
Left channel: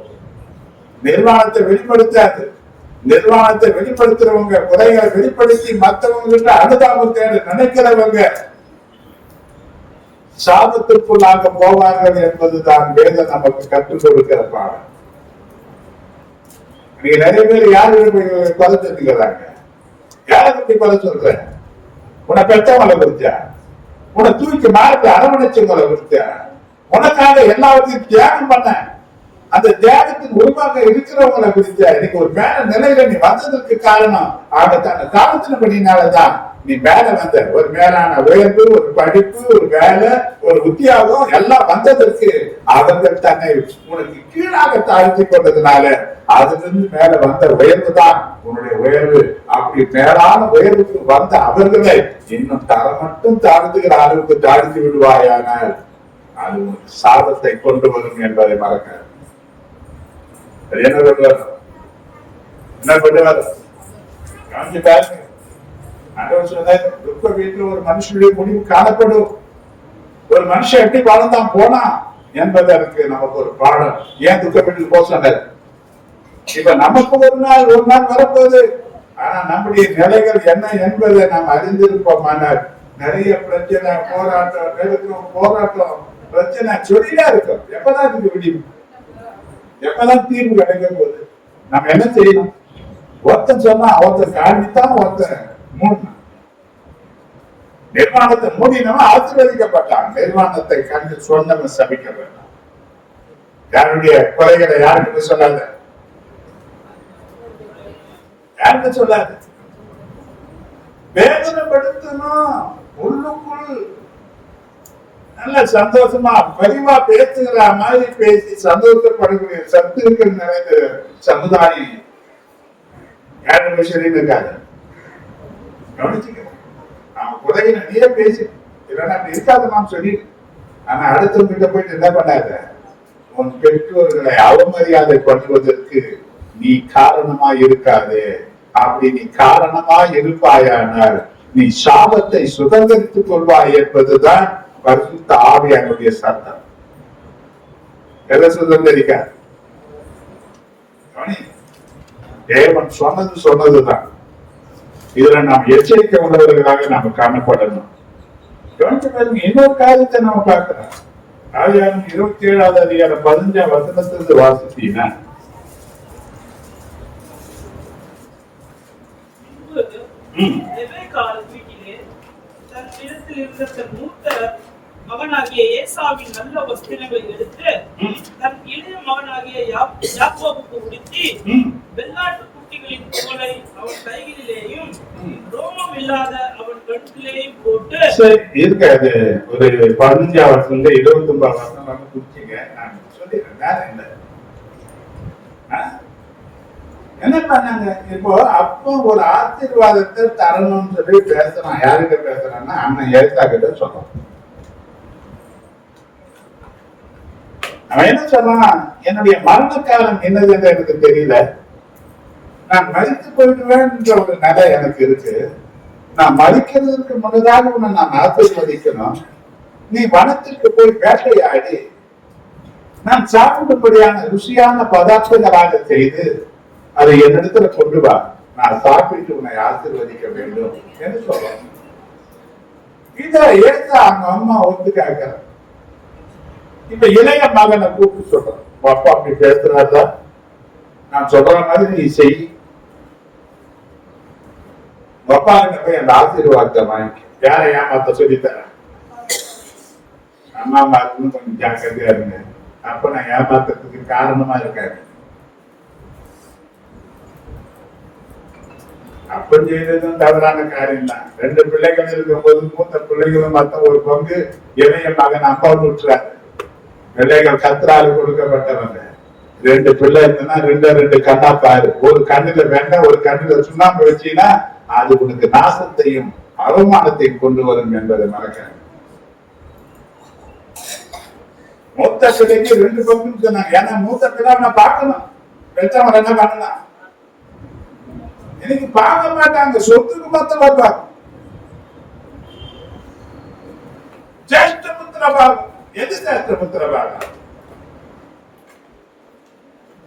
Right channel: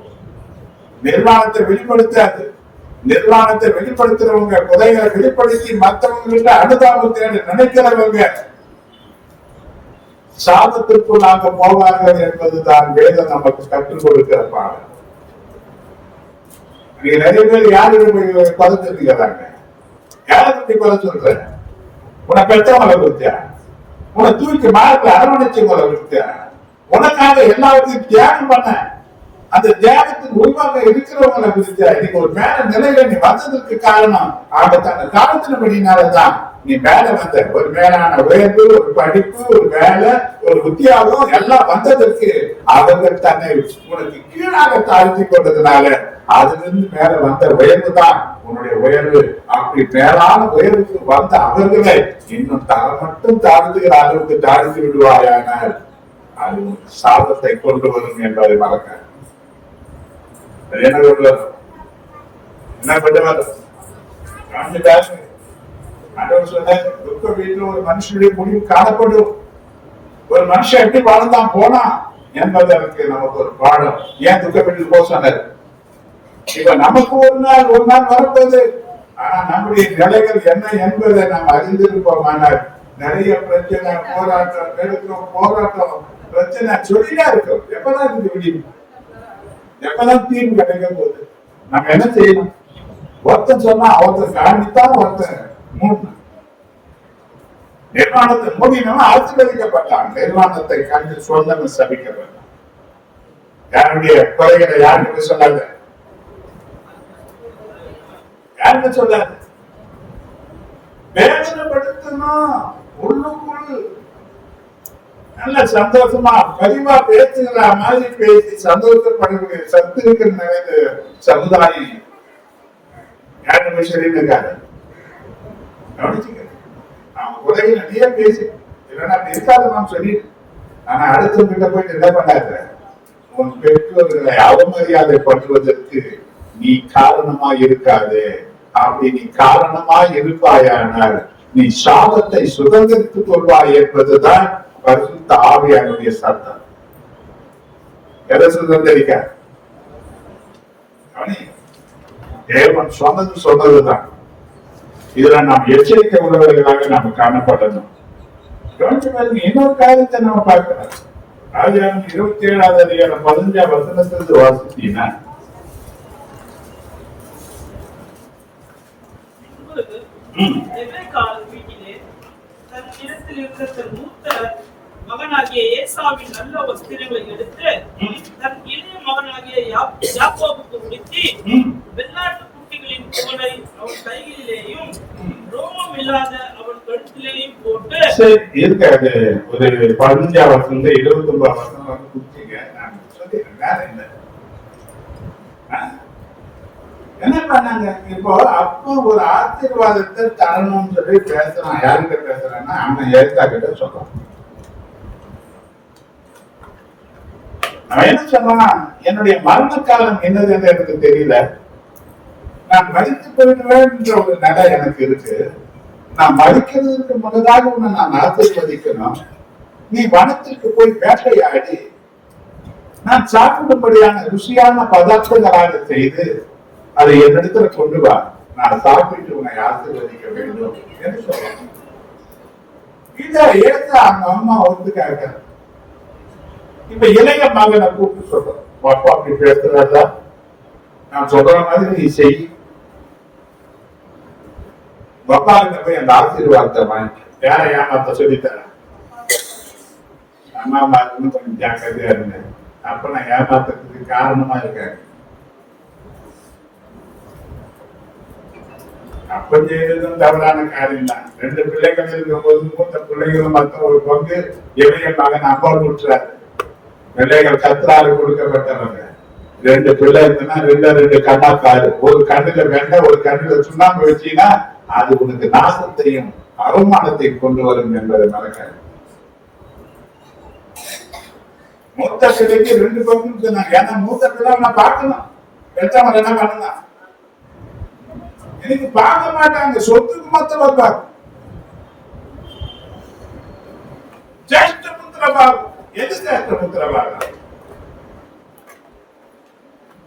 நிர்வாணத்தை வெளிப்படுத்தாது. நிர்வாணத்தை வெளிப்படுத்துறவங்க குறைகளை வெளிப்படுத்தி மற்றவங்க அனுதாபத்தை நினைக்கிறவங்க சாபத்திற்குள்ளாக போவார்கள் என்பதுதான் வேதம் நமக்கு கற்றுக் கொடுக்கிற பாடம். நீங்க நிறைய பேர் யாரு கொலை சொல்லிக்கிறாங்க? யாரை கொலை சொல்ற? உன்னை பெற்றவங்களை குறிச்சா, உன்னை தூக்கி மார்க்க அரவணைச்சவங்களை குறிச்சா, உனக்காக எல்லாத்தையும் தியாகம் பண்ண அந்த தியாகத்தின் உருவாக இருக்கிறவங்களை குறிச்சா, இன்னைக்கு ஒரு மேல நிலையில நீ வந்ததற்கு காரணம் ஆக தன்னை காலத்தினபடினாலதான் நீ மேல வந்த. ஒரு மேலான உயர்வு, ஒரு படிப்பு, ஒரு வேலை, ஒரு உத்தியோகம் எல்லாம் வந்ததற்கு அவர்கள் தன்னை உனக்கு கீழாக தாழ்த்தி கொண்டதுனால அதிலிருந்து மேல வந்த உயர்வு தான் உன்னுடைய உயர்வு. அப்படி மேலான உயர்வுக்கு வந்த அவர்களை இன்னும் மட்டும் தாழ்த்துகிற அளவுக்கு தாழ்த்தி விடுவாயானால் அது உனக்கு சாபத்தை கொண்டு வரும் என்பதை மறக்க. என்ன பண்ணுவார்? என்ன பண்ணுவார்? துக்க வீட்டில் ஒரு மனுஷனுடைய முடிவு காணப்படும். ஒரு மனுஷன் எப்படி வாழ்ந்தான் போனா என்பது அதுக்கு நமக்கு ஒரு பாடம். ஏன் துக்க வீட்டுக்கு போக சொன்னார்? இப்ப நமக்கு ஒரு நாள் வரப்போகுது. ஆனா நம்முடைய நிலைகள் என்ன என்பதை நாம் அறிந்திருப்போமானால் நிறைய பிரச்சனை, போராட்டம் பிரச்சனை சொல்லியா இருக்கும். எப்பதான் இதுக்கு முடியும்? எப்பதான் தீர்வு கிடைக்க போகுது? நம்ம என்ன செய்யணும்? ஒருத்தன் சொன்னா ஒருத்தர் காணித்தான், ஒருத்தர் மூடணும். நிர்வாணத்தை மூடினவன் ஆசீர்வதிக்கப்பட்டான். நிர்வாணத்தை கண்டு சொன்னவன் சபிக்க வேண்டாம். யாருடைய குறைகளை யாருக்கு சொல்லாத, யாருக்கு சொல்லாது. வேதனைப்படுத்தணும். உள்ளுக்குள் நல்ல சந்தோஷமா பரிவா பேசுகிற மாதிரி பேசி சந்தோஷப்படக்கூடிய சத்து இருக்கிற சமுதாயம் யாருமே சரி இருக்காது. கவனிச்சுக்க. அவன் குறைய நிறைய பேசி இல்லைன்னா இருக்காது நாம் சொல்லி. ஆனா அடுத்தவங்கிட்ட போயிட்டு என்ன பண்ணாத, உன் பெற்றோர்களை அவமரியாதை பண்ணுவதற்கு நீ காரணமா இருக்காது. அப்படி நீ காரணமா இருப்பாயானால் நீ சாபத்தை சுதந்திரித்துக் கொள்வாய் என்பதுதான் பரிசுத்த ஆவியானுடைய சட்டம். எதை சுதந்திரிக்க? தேவன் சொன்னதுதான். இதுல நாம் எச்சரிக்கை உள்ளவர்களாக நாம் காணப்படணும். இன்னொரு காரியத்தை நாம் பார்க்கிறோம். ஆதியாகமம் 27வது அதிகாரம் 15ஆம் வசனத்திலிருந்து வாசித்தீங்கன்னா, இருக்கிற தன் மூத்த மகனாகிய ஏசாவின் நல்ல வஸ்திரங்களை எடுத்து தன் இளைய மகனாகிய யாக்கோபுக்கு உடுத்தி வெள்ளாட்டு குட்டிகளின் தோலை அவன் கைகளிலேயும் ரோமம் இல்லாத அவன் கழுத்திலேயும் போட்டு இருக்காது. ஒரு 15 வருஷம் 29 வருஷம் குடிச்சிங்க. நான் சொல்லிடுறேன், வேற என்ன என்ன பண்ணாங்க. இப்போ அப்போ ஒரு ஆசீர்வாதத்தை தரணும்னு சொல்லி பேசுறான். யாருக்கிட்ட பேசுறான்னா அண்ணன் எழுத்தா கிட்ட சொல்றான். அவன் என்ன சொல்றான், என்னுடைய மரண காலம் என்னதுன்னு எனக்கு தெரியல, நான் மறித்து போயிடுவேன்ற ஒரு நிலை எனக்கு இருக்கு, நான் மறிக்கிறதுக்கு முன்னதாக உன்னை நான் ஆசீர்வதிக்கணும், நீ வனத்திற்கு போய் வேட்டையாடி நான் சாப்பிடும்படியான ருசியான பதார்த்தங்களாக செய்து அதை என்னிடத்துல கொண்டு வா, நான் சாப்பிட்டு உன்னை ஆசீர்வதிக்க வேண்டும் என்று சொல்றேன். இத எடுத்து அவங்க அம்மா ஒத்துக்காங்க. இப்ப இளைய மகனை கூப்பிட்டு சொல்றேன், அப்பா அப்படி பேசுறாதா, நான் சொல்ற மாதிரி நீ செய், அப்பா கிட்ட போய் அந்த ஆசீர்வாதத்தை வாங்கி யாரை ஏமாத்த சொல்லித்தரேன். அம்மா அம்மா கொஞ்சம் ஜாக்கிரதையா இருங்க, அப்ப நான் ஏமாத்துறதுக்கு காரணமா இருக்காரு. அப்ப செய்ததும் தவறான காரியம் தான். 2 பிள்ளைகள் இருக்கும்போது மூத்த பிள்ளைகளும் மத்த ஒரு பங்கு இளைய மகன் அப்பா விட்டுறாரு. பிள்ளைகள் கத்திராறு கொடுக்கப்பட்டவங்க. 2 பிள்ளை இருந்ததுன்னா 2 கண்ணா பாரு, ஒரு கண்ணுல வேண்டாம், ஒரு கண்ணுல சுண்ணாம்பு வச்சீங்கன்னா அது உனக்கு நாசத்தையும் அவமானத்தையும் கொண்டு வரும் என்பதை மறக்காது. மூத்த பிள்ளைக்கு 2 பங்கு சொன்னாங்க. ஏன்னா மூத்த பிள்ளை நான் பார்க்கணும், பெற்றவங்க என்ன பண்ணலாம், எனக்கு பார்க்க மாட்டாங்க, சொத்துக்கு மத்த பார்ப்பாங்க. ஜேஷ்டபுத்திர பாகம். எது ஜேஷ்டபுத்திர பாகம்?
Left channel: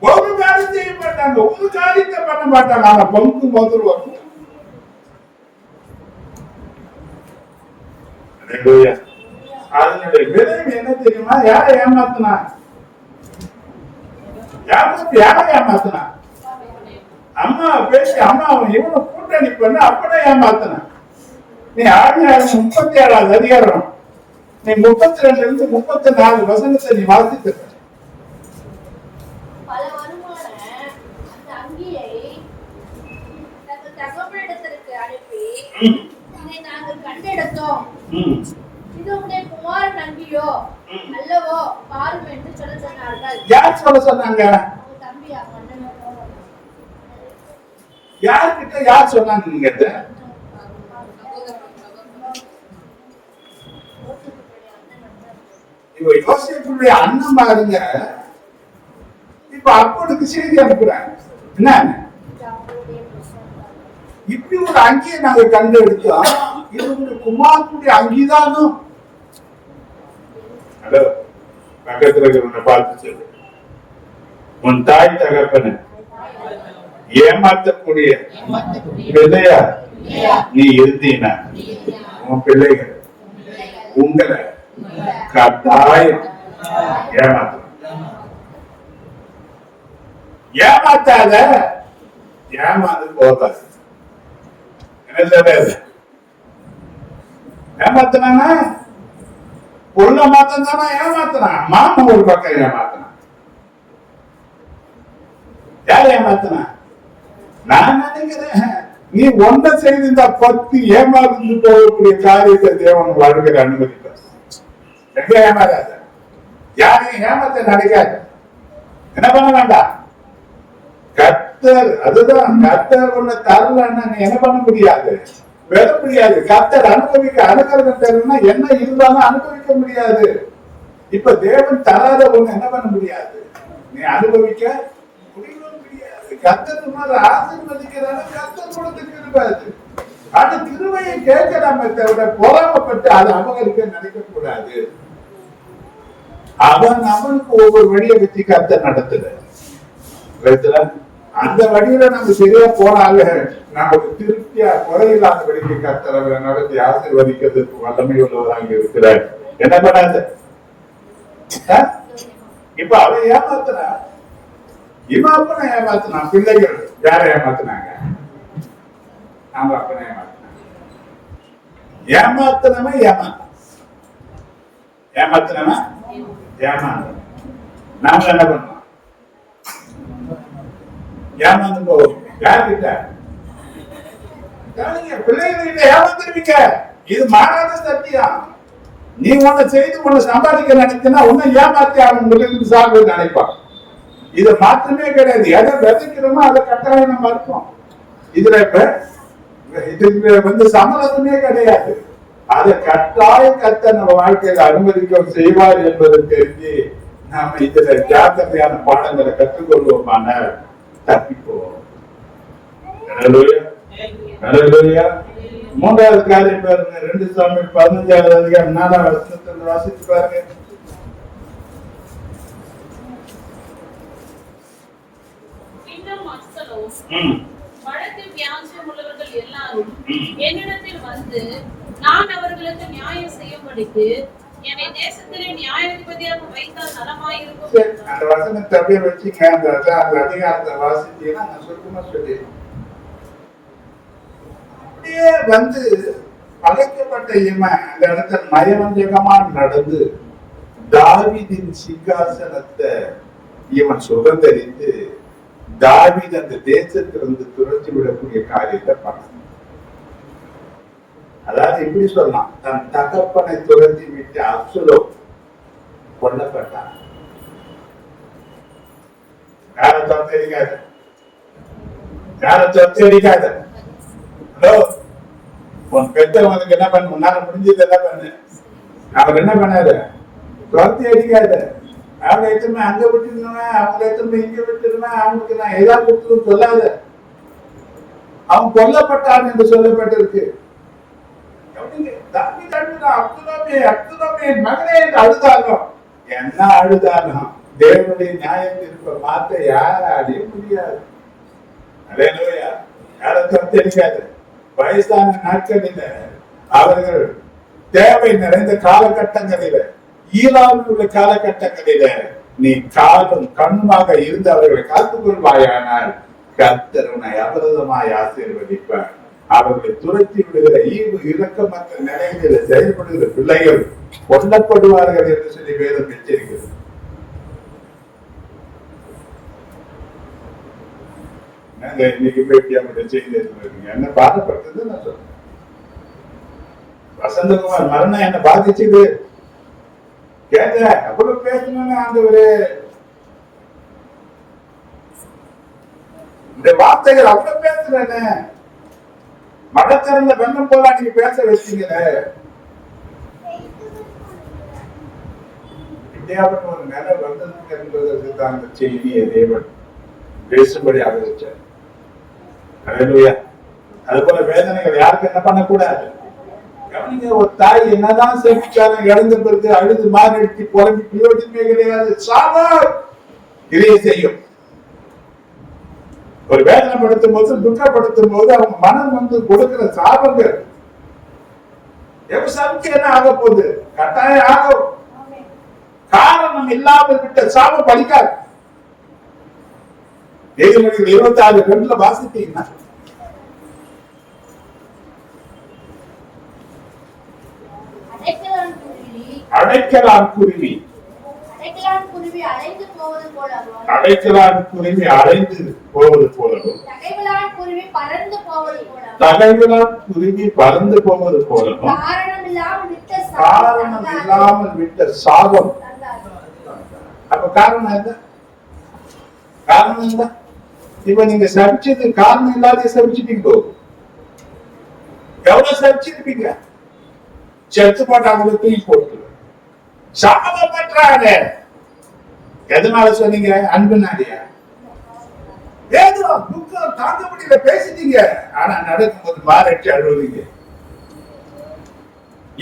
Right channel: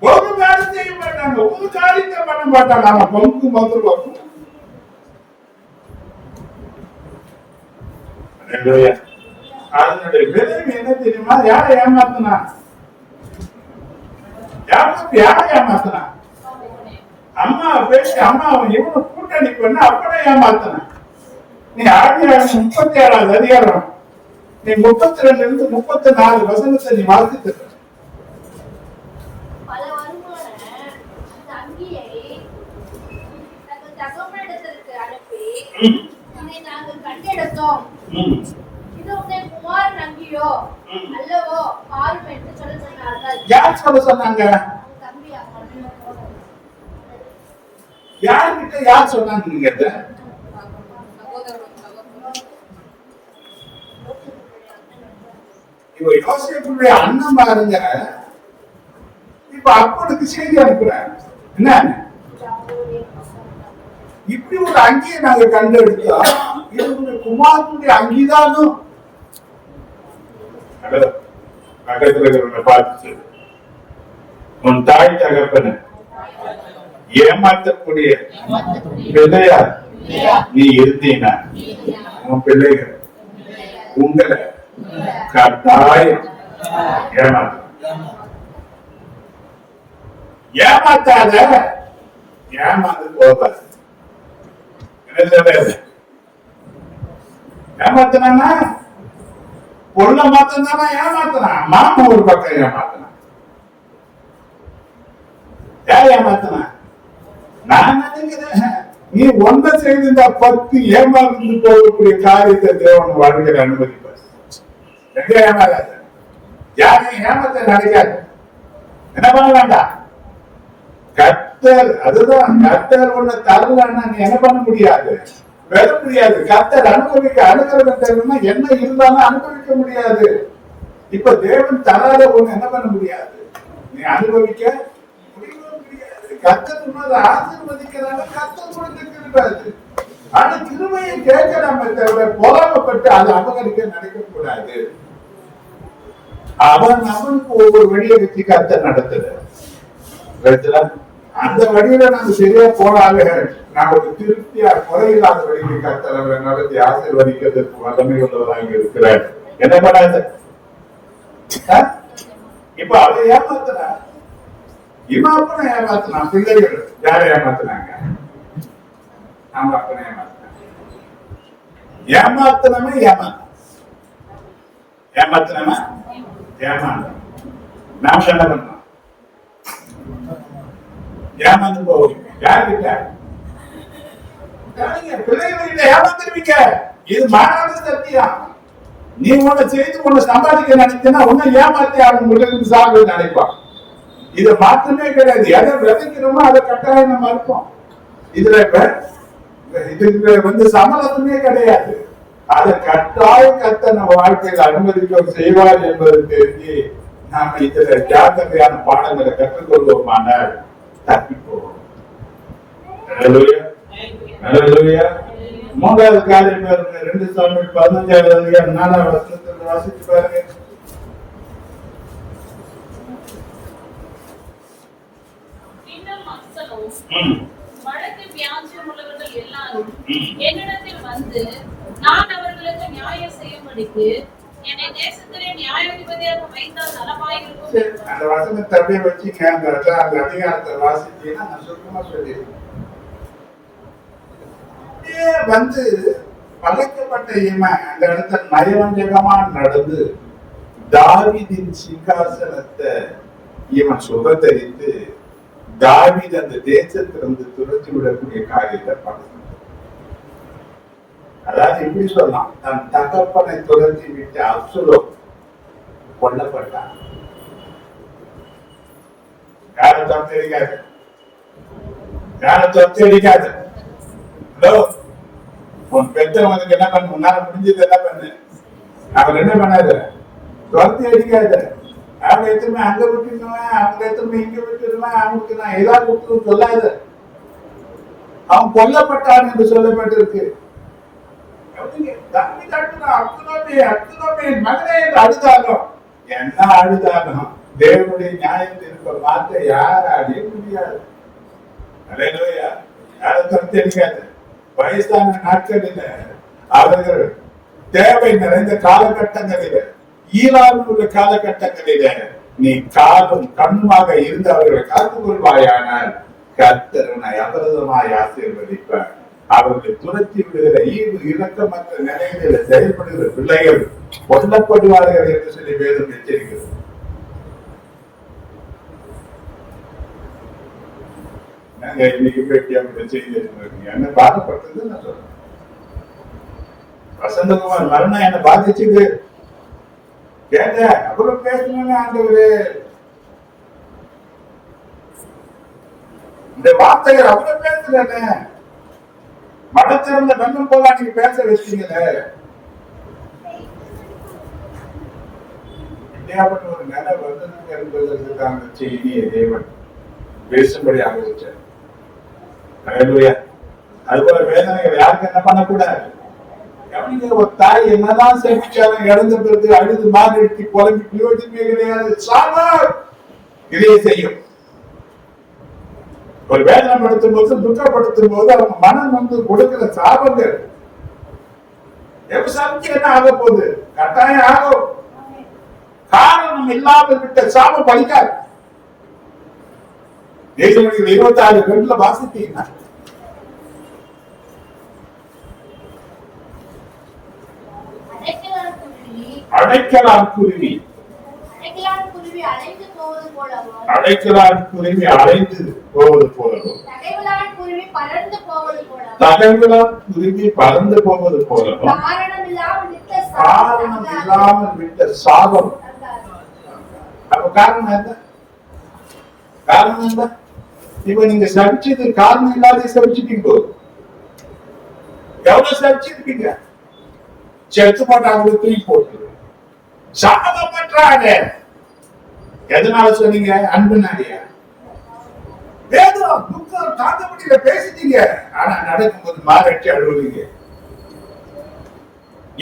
ஒரு காரியம் செய்ய மாட்டாங்க, ஒரு காரியத்தை பண்ண மாட்டாங்க, ஆனா பங்கு முதல் வரும். அதனுடைய விளைவு என்ன தெரியுமா? யாரை ஏமாத்தினா? யாரை ஏமாத்தினா? அம்மா பேசி அம்மா இவனை கூட்டணி பண்ண அப்பட ஏமாத்தின. நீ 37வது அதிகாரம் நீ 32 இருந்து 34 வசனத்தை நீ வாசித்து யார் சொல்ல சொன்னாங்க? யாருக்கிட்ட யார் சொன்னாங்க? நீங்க இப்ப யோசிப்புடைய அண்ணன் பாருங்க, இப்ப அப்பனுக்கு செய்தி அனுப்புறாங்க. என்ன இப்படி ஒரு அங்கியை நாங்க கண்டெடுத்தோம், இது ஒரு குமாரனுடைய அங்கிதானும் பக்கத்துல இருக்கிறவங்க பார்த்து உன் தாய் தகப்பன ஏமாற்றக்கூடிய பிள்ளையா நீ இருந்தீனா உன் பிள்ளைகள் உங்களை கட்டாயம் ஏமாத்தாத, ஏமாந்து போகாது. ஏமாத்தினா பொருளை மாத்தனா ஏமாத்தினான், மாமா ஒரு பக்கம் ஏமாத்தினான். யார் ஏமாத்தினா? நான் நினைக்கிறேன் நீ ஒன்றை செய்திருந்தா 10 ஏமாந்து போகக்கூடிய காரியத்தை தேவன் வாழ்கிற அனுமதிப்பார். எங்க ஏமாறாத, யாரையும் ஏமாத்த நடக்காது. என்ன பண்ண வேண்டாம், கர்த்தர் அதுதான், கர்த்தர் ஒண்ணு தரலன்னா நீ என்ன பண்ண முடியாது, பெற முடியாது. கர்த்தர் அனுபவிக்க அனுகிரகம் தரணும்னா என்ன இருந்தாலும் அனுபவிக்க முடியாது. இப்ப தேவன் தராத ஒண்ணு என்ன பண்ண முடியாது, நீ அனுபவிக்க முடியாது. கர்த்தர் ஆசீர்வதிக்கிறாங்க, கர்த்தர் கொடுத்துட்டு இருப்பாரு. அந்த கிருபையை கேட்க நம்ம தவிர பொறாமப்பட்டு அதை அபகரிக்க நினைக்க கூடாது. அவனுக்கு ஒவ்வொரு வழியை வச்சு கர்த்தர் நடத்துற அந்த வழியில நம்ம சரியா போனாங்க, நமக்கு திருப்தியா குறையில்லாத வழிக்கு கர்த்தர் அவரை நடத்தி ஆசீர்வதிக்கிறதுக்கு வல்லமை உள்ளவராக இருக்கிறார். என்ன பண்ணாது? இப்ப அவ ஏமாத்துறா, இவன் அப்பனை ஏமாத்தினான். பிள்ளைகள் யாரை ஏமாத்தினாங்க? அவங்க அப்பனை ஏமாத்தினாங்க. ஏமாத்தினவன் ஏமாத்தினவன் ஏமாந்த நாம என்ன பண்றோம்? ஏமாந்து போவோம். யாருக்கிட்ட? பிள்ளைகிட்ட ஏமாத்திருவீங்க. இது மாறாத சத்தியம். நீ ஒண்ணு செய்து ஒண்ணு சம்பாதிக்க நினைச்சா உன்னை ஏமாத்தி அவன் முதலில் சாப்பிட நினைப்பான். இது மாற்றமே கிடையாது. எதை விதைக்கிறோமோ அதை கட்டாயம் நம்ம இருப்போம். இதுல இதுக்கு சமரசமே கிடையாது. அதை கட்டாயம் கத்த நம்ம வாழ்க்கையில அனுமதிக்க செய்வார் என்பது தெரிஞ்சு நாம இதுல ஜாக்கிரதையான பாடங்களை கற்றுக்கொள்வோமானால் தப்பி போவோம். மூன்றாவது காரியம் பாருங்க, 2 சாமுவேல் 15வது அதிகாரம் 4வது வசனத்தை வாசிச்சு பாருங்க. வடக்கு வியாசம் உள்ளவர்கள் எல்லாரும் என்னிடத்தில் வந்து நான் அவர்களுக்கு நியாயம் செய்யும்படிக்கு என்னை தேசத்திலே நியாயாதிபதியாக வைத்தால் நலமாயிருக்கும். அந்த வசனத்தை அப்படியே வச்சுங்க. அந்த அதிகாரத்தை வாசிச்சீங்கன்னா நான் சுத்தமா சொல்லி அப்படியே வந்து படைக்கப்பட்ட இவன் அந்த இடத்துல நயவஞ்சகமா நடந்து தாவீதின் சிங்காசனத்தை இவன் சுதந்தரித்து தாவீது அந்த தேசத்திலிருந்து துரத்தி விடக்கூடிய காரியத்தை பார்க்கணும். அதாவது எப்படி சொல்லலாம், தன் தகப்பனை துரத்தி விட்டு அப்சலோம் கொல்லப்பட்டான். உன் பெற்றவனுக்கு என்ன பண்ண முன்னால முடிஞ்சது என்ன பண்ணு, அவர் என்ன பண்ணாரு, துரத்தி அடிக்காத. அவங்க எத்தனை அங்க விட்டுருவேன், அவங்க எத்தனை இங்க விட்டுருவேன், அவங்களுக்கு நான் ஏதாவது விட்டு சொல்லாத. அவன் கொல்லப்பட்டான் என்று சொல்லப்பட்டிருக்கு. மகனே என்று அழுதாலும் என்ன அழுதாலும் தேவனுடைய நியாயத்திற்கு மாற்ற யார அடைய முடியாது. யாரும் தெரியாது. வயசான நாட்களில அவர்கள் தேவை நிறைந்த காலகட்டங்களில ஈரானில் உள்ள காலகட்டங்களில நீ காலும் கண்ணுமாக இருந்து அவர்களை காத்துக் கொள்வாயானால் கர்த்தர் உன்னை அபரதமாய் ஆசீர்வதிப்பார். அவர்களை துரத்தி விடுகிற ஈவு இரக்கமற்ற நிலைகளில் செயல்படுகிற பிள்ளைகள் கொல்லப்படுவார்கள் என்று சொல்லி வேதம் எச்சரிக்கிறது. இன்னைக்கு செய்தி என்ன பாதப்பட்டது நான் சொல்றேன். வசந்தகுமார் மரணம் என்ன பாதிச்சது கேட்ட அவ்வளவு பேசணும்னு ஆண்டவரே, இந்த வார்த்தைகள் அவ்வளவு பேசுறேன்னு மடத்திறந்த வெள்ளம் போல நீங்க பேச வச்சீங்களே. இந்தியாவின் ஒரு நிலை வந்தது என்பதற்கு தான் அந்த செய்தியை தேவன் பேசும்படியாக வச்சார். அது போல வேதனைகள் யாருக்கு என்ன பண்ணக்கூடாது. ஒரு தாய் என்னதான் சேமிச்சாலும் இழந்த பிறகு அழுது மாறி குழம்பி பிரயோஜனமே கிடையாது. இதையே செய்யும். ஒரு வேதனைப்படுத்தும் போது துக்கப்படுத்தும் போது அவங்க மனம் வந்து கொடுக்கிற சாபங்கள் எப்படி என்ன ஆக போகுது, கட்டாயம் ஆகும். காரணம் இல்லாமல் விட்ட சாபம் பலிக்காது. 26 வாசித்தீங்கன்னா அடைக்கலான் குருவி அடைந்து போவது போலவும் தகைவிலான் குருவி பறந்து போவது போலவும் காரணம் இல்லாமல் விட்ட சாபம். அப்ப காரணம் என்ன? காரணம் என்ன? இப்ப நீங்க சபிச்சது காரணம் இல்லாத சபிச்சுட்டீங்க. எவ்வளவு சபிச்சிருப்பீங்க. செத்து போட்டு அவங்களை தூக்கி போட்டு சாபம் பண்றாங்க. எதனால சொன்னீங்க? அன்புனாடியா? ஏதோ துக்கம் தாங்க முடியல பேசிட்டீங்க. ஆனா நடக்கும்போது மாறட்டி அழுவீங்க.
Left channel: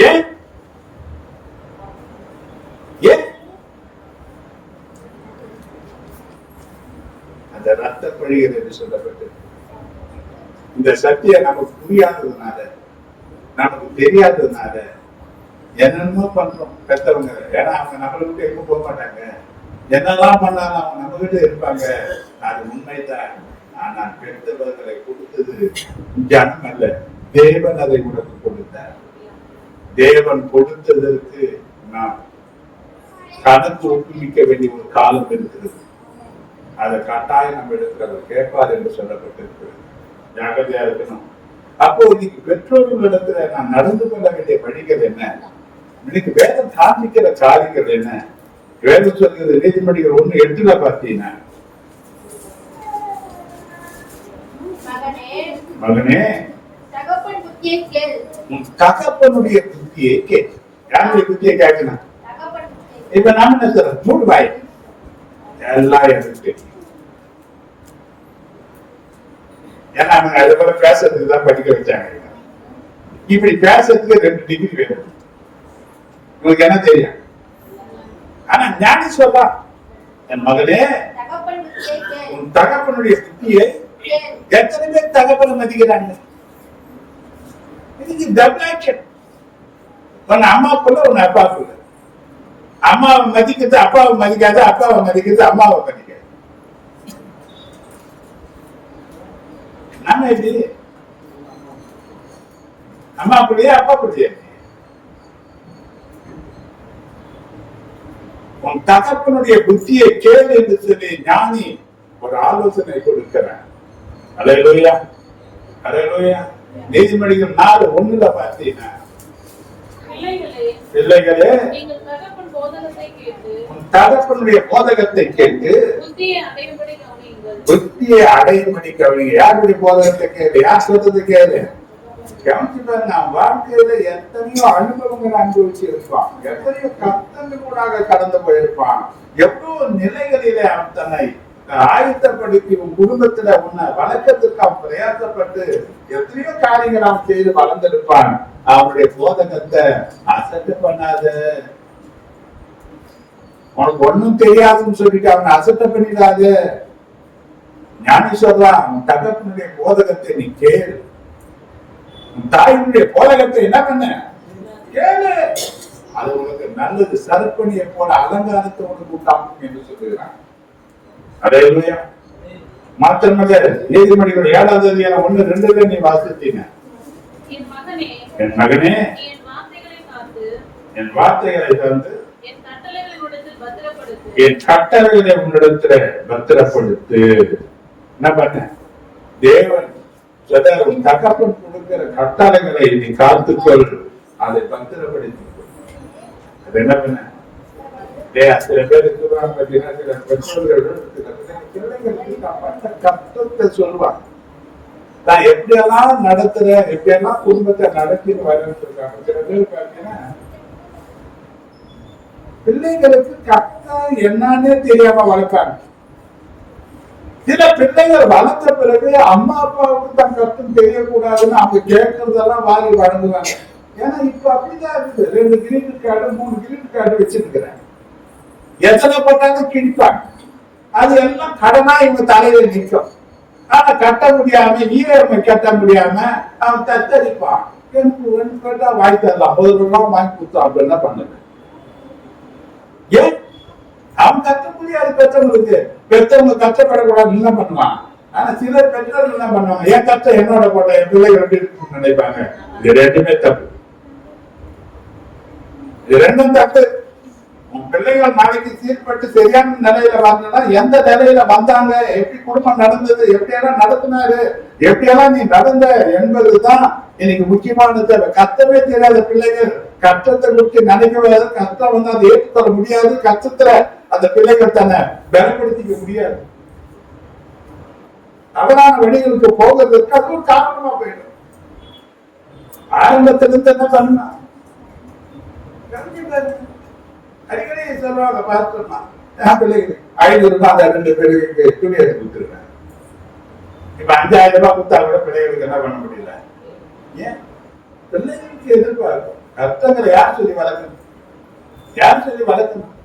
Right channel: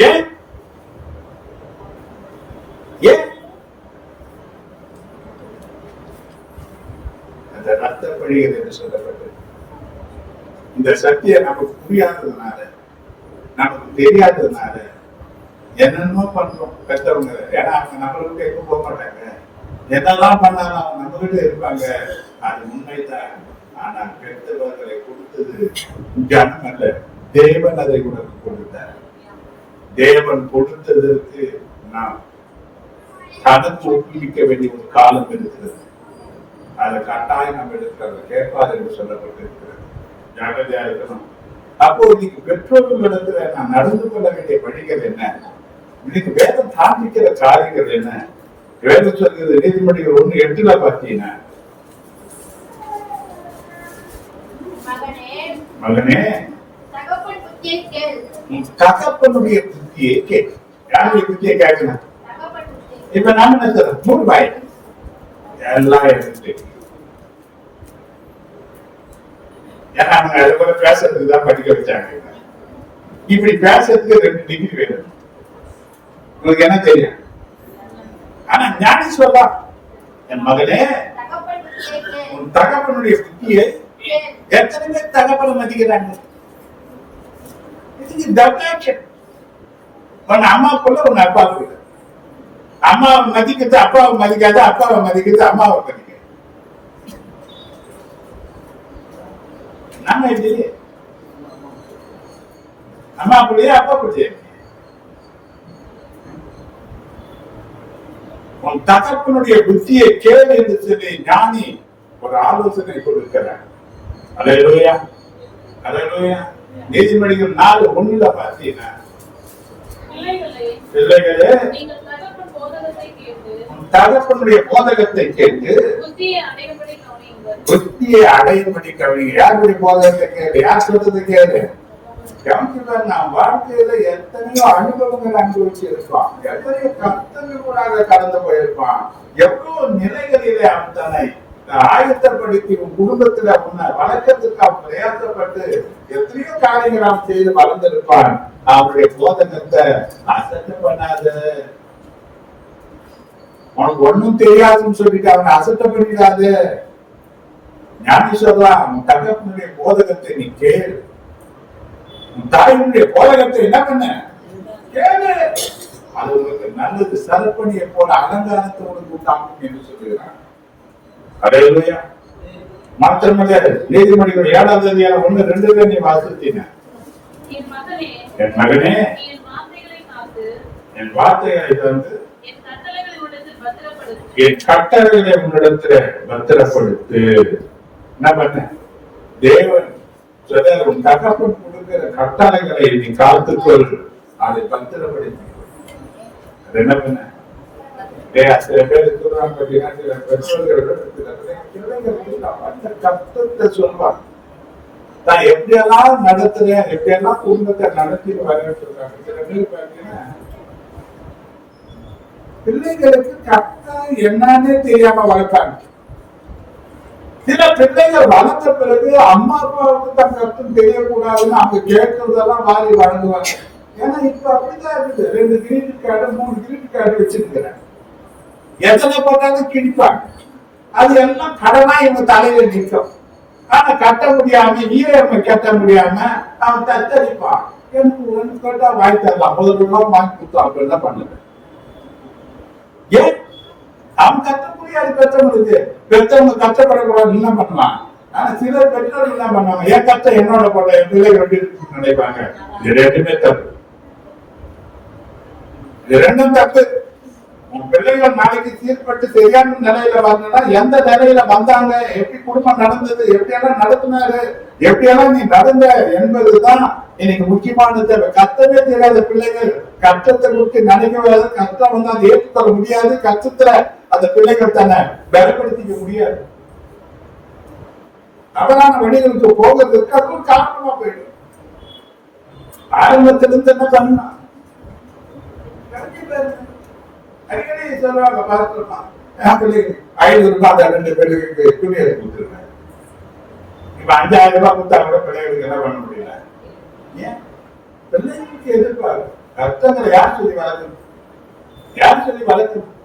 ஏன் ஏன் அந்த ரத்த பழிகள் என்று சொல்லப்பட்டது. இந்த சத்தியம் நமக்கு புரியாததுனால, நமக்கு தெரியாததுனால என்னென்னமோ பண்றோம் பெற்றவங்க. ஏன்னா அவங்க நம்மளுக்கு எப்ப போக மாட்டாங்க. என்னதான் பண்ணாலும் அவங்க நம்ம கிட்ட இருப்பாங்க. அது உண்மைதான். ஆனால் பெற்றவர்களை கொடுத்தது ஜனம் அல்ல, தேவன் அதை உனக்கு கொடுத்தார். தேவன் கொடுத்ததற்கு நாம் கணக்கு ஒப்புவிக்க வேண்டிய ஒரு காலம் இருக்கிறது. அதை கட்டாயம் நம்ம எடுக்கிறது கேட்பார் என்று சொல்லப்பட்டிருக்கிறது. ஜாகிரதையா இருக்கணும். அப்போ இன்னைக்கு பெற்றோர்களிடத்துல நான் நடந்து கொள்ள வேண்டிய வழிகள் என்ன? இன்னைக்கு வேதம் காண்பிக்கிற காரியங்கள் என்ன? வேதம் சொல்கிறது நீதிமொழிகள் 1:8 பார்த்தீங்கன்னா, மகனே தகப்பன் புத்தியை கேள். உன் தகப்பனுடைய புத்தியை கேள். யாருடைய புத்தியை கேட்கணும்? தகப்பன் புத்தியை. இப்ப நாம என்ன சொல்றோம்? 3 வாய் எல்லாம் எனக்கு தெரியும். ஏன்னா அவங்க அது போல பேசுறதுக்கு தான் படிக்க வச்சாங்க. இப்படி பேசுறதுக்கு 2 டிகிரி வேணும். உங்களுக்கு என்ன தெரியும்? ஆனா ஞானி சொல்லா, என் மகனே தகப்பன் புத்தியை கேள். உன் தகப்பனுடைய புத்தியை கேள். எத்தனை பேர் தகப்பனை மதிக்கிறாங்க? இதுக்கு டபுள் உன் அம்மாக்குள்ள உன் அப்பாக்குள்ள. அம்மாவை மதிக்கிறது அப்பாவை மதிக்காது, அப்பாவை மதிக்கிறது அம்மாவை மதிக்காது. நம்ம எப்படி அம்மா பிள்ளையா அப்பா பிள்ளையா? உன் தகப்பனுடைய புத்தியை கேள் என்று சொல்லி ஞானி ஒரு ஆலோசனை கொடுக்கிறார். அல்லேலூயா, அல்லேலூயா. நீதிமொழிகள் 4:1 பார்த்தீங்கன்னா, பிள்ளைகளே நீங்கள் தகப்பன் போதகத்தை கேட்டு தகப்பனுடைய போதகத்தை கேட்டு புத்தியை அடையும்படி கவனியுங்கள். புத்தியை அடையும்படி கவனிங்க. யாருடைய போதகத்தை கேளு? யார் சொல்றது கேளு? கவனிச்சுதான் நாம் வாழ்க்கையில எத்தனையோ அனுபவங்கள் அனுபவிச்சு இருப்பான், எத்தனையோ கஷ்டங்கள் கூட கடந்து போயிருப்பான், எவ்வளவு நிலைகளிலே அவன் தன்னை ஆயத்தப்படுத்தி உன் குடும்பத்துல உன்னை வளர்க்கறதுக்கு அவன் பிரயாசப்பட்டு எத்தனையோ காரியங்கள் அவன் செய்து வளர்ந்திருப்பான். அவனுடைய போதகத்தை அசட்டு பண்ணாத. உனக்கு ஒண்ணும் தெரியாதுன்னு சொல்லிட்டு அவனை அசட்ட பண்ணிடாது. ஞானி சொல்றான், உன் தகப்பனுடைய போதகத்தை நீ கேளு. உன் தாயினுடைய போதகத்தை என்ன பண்ண? கேளு. அது உனக்கு நல்லது. சரப்பணியை போல அலங்காரத்தை உனக்கு உண்டாகும் என்று சொல்லுகிறான். அல்லேலூயா. மாத்திரமல்ல, நீதிமொழிகள் 7ஆம் அதிகாரம் 1-2 நீ வாசித்தீங்க. என் மகனே என் மகனே என் வார்த்தைகளை காத்து என் வார்த்தைகளை வந்து என் கட்டளைகளை உன்னிடத்தில் பத்திரப்படுத்து. என் கட்டளைகளை உன்னிடத்துல பத்திரப்படுத்து. என்ன பண்ண? தேவன் சொல்ற உன் தகப்பன் கொடுக்கிற கட்டளைகளை நீ காத்துக்கொள், அதை பத்திரப்படுத்தி. அது என்ன பண்ண? சில பேருக்கு சில பெற்றோர்கள் பிள்ளைங்களுக்கு கஷ்டத்தை சொல்லுவாங்க. நான் எப்படியெல்லாம் நடத்துறேன், எப்படியெல்லாம் குடும்பத்தை நடத்தி வரேன்னு சொல்றாங்க. சில பேர் பாத்தீங்கன்னா பிள்ளைங்களுக்கு கஷ்டம் என்னன்னே தெரியாம வளர்ப்பாங்க. சில பிள்ளைகள் வளர்ந்த பிறகு அம்மா அப்பாவுக்கு தன் கஷ்டம் தெரியக்கூடாதுன்னு அவங்க கேட்கறதெல்லாம் வாரி வழங்குவாங்க. ஏன்னா இப்ப அப்படிதான் இருக்குது. 2 கிரெடிட் கார்டு 3 கிரெடிட் கார்டு வச்சிருக்கிறேன். எத்தனை பண்ணாலும் கிழிப்பாங்க. அது எல்லாம் கடனா இவங்க தலையில நிற்கும். ஆனா கட்ட முடியாம ஈரமை கட்ட முடியாம அவன் தத்தரிப்பான். எனக்கு கேட்டா வாங்கி தரலாம், 50 ரூபாய் வாங்கி கொடுத்தான். அப்ப என்ன பண்ணுது? ஏன் அவன் கட்ட முடியாது? பெற்றவங்களுக்கு பெற்றவங்க கஷ்டப்படக்கூடாது என்ன பண்ணுவான்? ஆனா சில பெற்றோர்கள் என்ன பண்ணுவாங்க? என் கஷ்டம் என்னோட போட என் பிள்ளைகள் நினைப்பாங்க. இது 2மே தப்பு. இது 2ம் தப்பு. உன் பிள்ளைகள் நாளைக்கு சீர்பட்டு சரியான நிலையில வரணும்னா எந்த நிலையில வந்தாங்க, எப்படி குடும்பம் நடந்தது, எப்படியெல்லாம் நடத்தினாரு, எப்படியெல்லாம் நீ நடந்த என்பதுதான் இன்னைக்கு முக்கியமானது. கஷ்டமே தெரியாத பிள்ளைகள் கஷ்டத்தை குறித்து நினைக்கவே, கஷ்டம் வந்து அதை ஏற்றுக்கொள்ள முடியாது. கஷ்டத்துல அந்த பிள்ளைகள் தன்னை பலப்படுத்திக்க முடியாது. தவறான வழிகளுக்கு போகிறதுக்கு அது ஒரு காரணமா போயிடும். ஆரம்பத்திலிருந்து என்ன பண்ணா அடிக்கடி சொல்லுவாங்க, பார்த்துருப்பான் பிள்ளைங்க 500 ரூபாய் 2 பிள்ளைகளுக்கு துணி எடுத்து கொடுத்துருக்காங்க. இப்ப 5000 ரூபாய் கொடுத்தா கூட பிள்ளைகளுக்கு என்ன பண்ண முடியல. ஏன்? பிள்ளைகளுக்கு எதிர்பார்க்கும் கஷ்டங்களை யார் சொல்லி வளர்க்கணும்? யார் சொல்லி வளர்க்கணும்?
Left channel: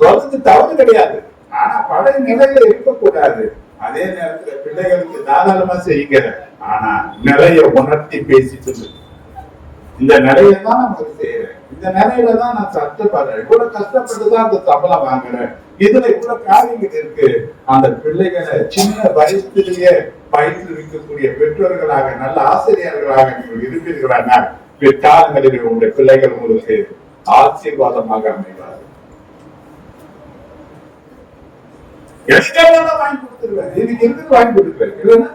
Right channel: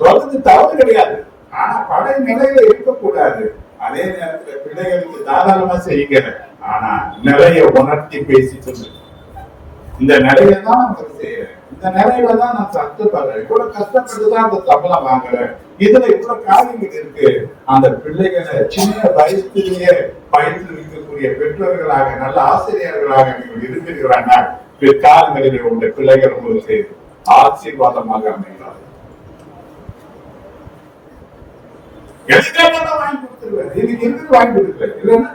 சொல்றது தவறு கிடையாது. ஆனா பழைய நிலையில இருக்கக்கூடாது. அதே நேரத்துல பிள்ளைகளுக்கு தாராளமா செய்கிற, ஆனா நிறைய உணர்த்தி பேசி சொல்லு. இந்த நிலையில தான் நான் செய்யறேன், இந்த நிலையில தான் நான் கஷ்டப்படுறேன், இவ்வளவு கஷ்டப்பட்டுதான் அந்த சம்பளம் வாங்குறேன், இதுல இவ்வளவு காரியங்கள் இருக்கு. அந்த பிள்ளைகளை சின்ன வயசுலயே பயிற்றுவிக்கக்கூடிய பெற்றோர்களாக நல்ல ஆசிரியர்களாக நீங்கள் இருப்பீர்களானால் பிற்காலங்களில் உங்களுடைய பிள்ளைகள் உங்களுக்கு ஆசீர்வாதமாக அமைவார். எல்லாம் வாங்கி கொடுத்துருவேன், இதுக்கு இருந்து வாங்கி கொடுக்குறேன் இல்லைன்னா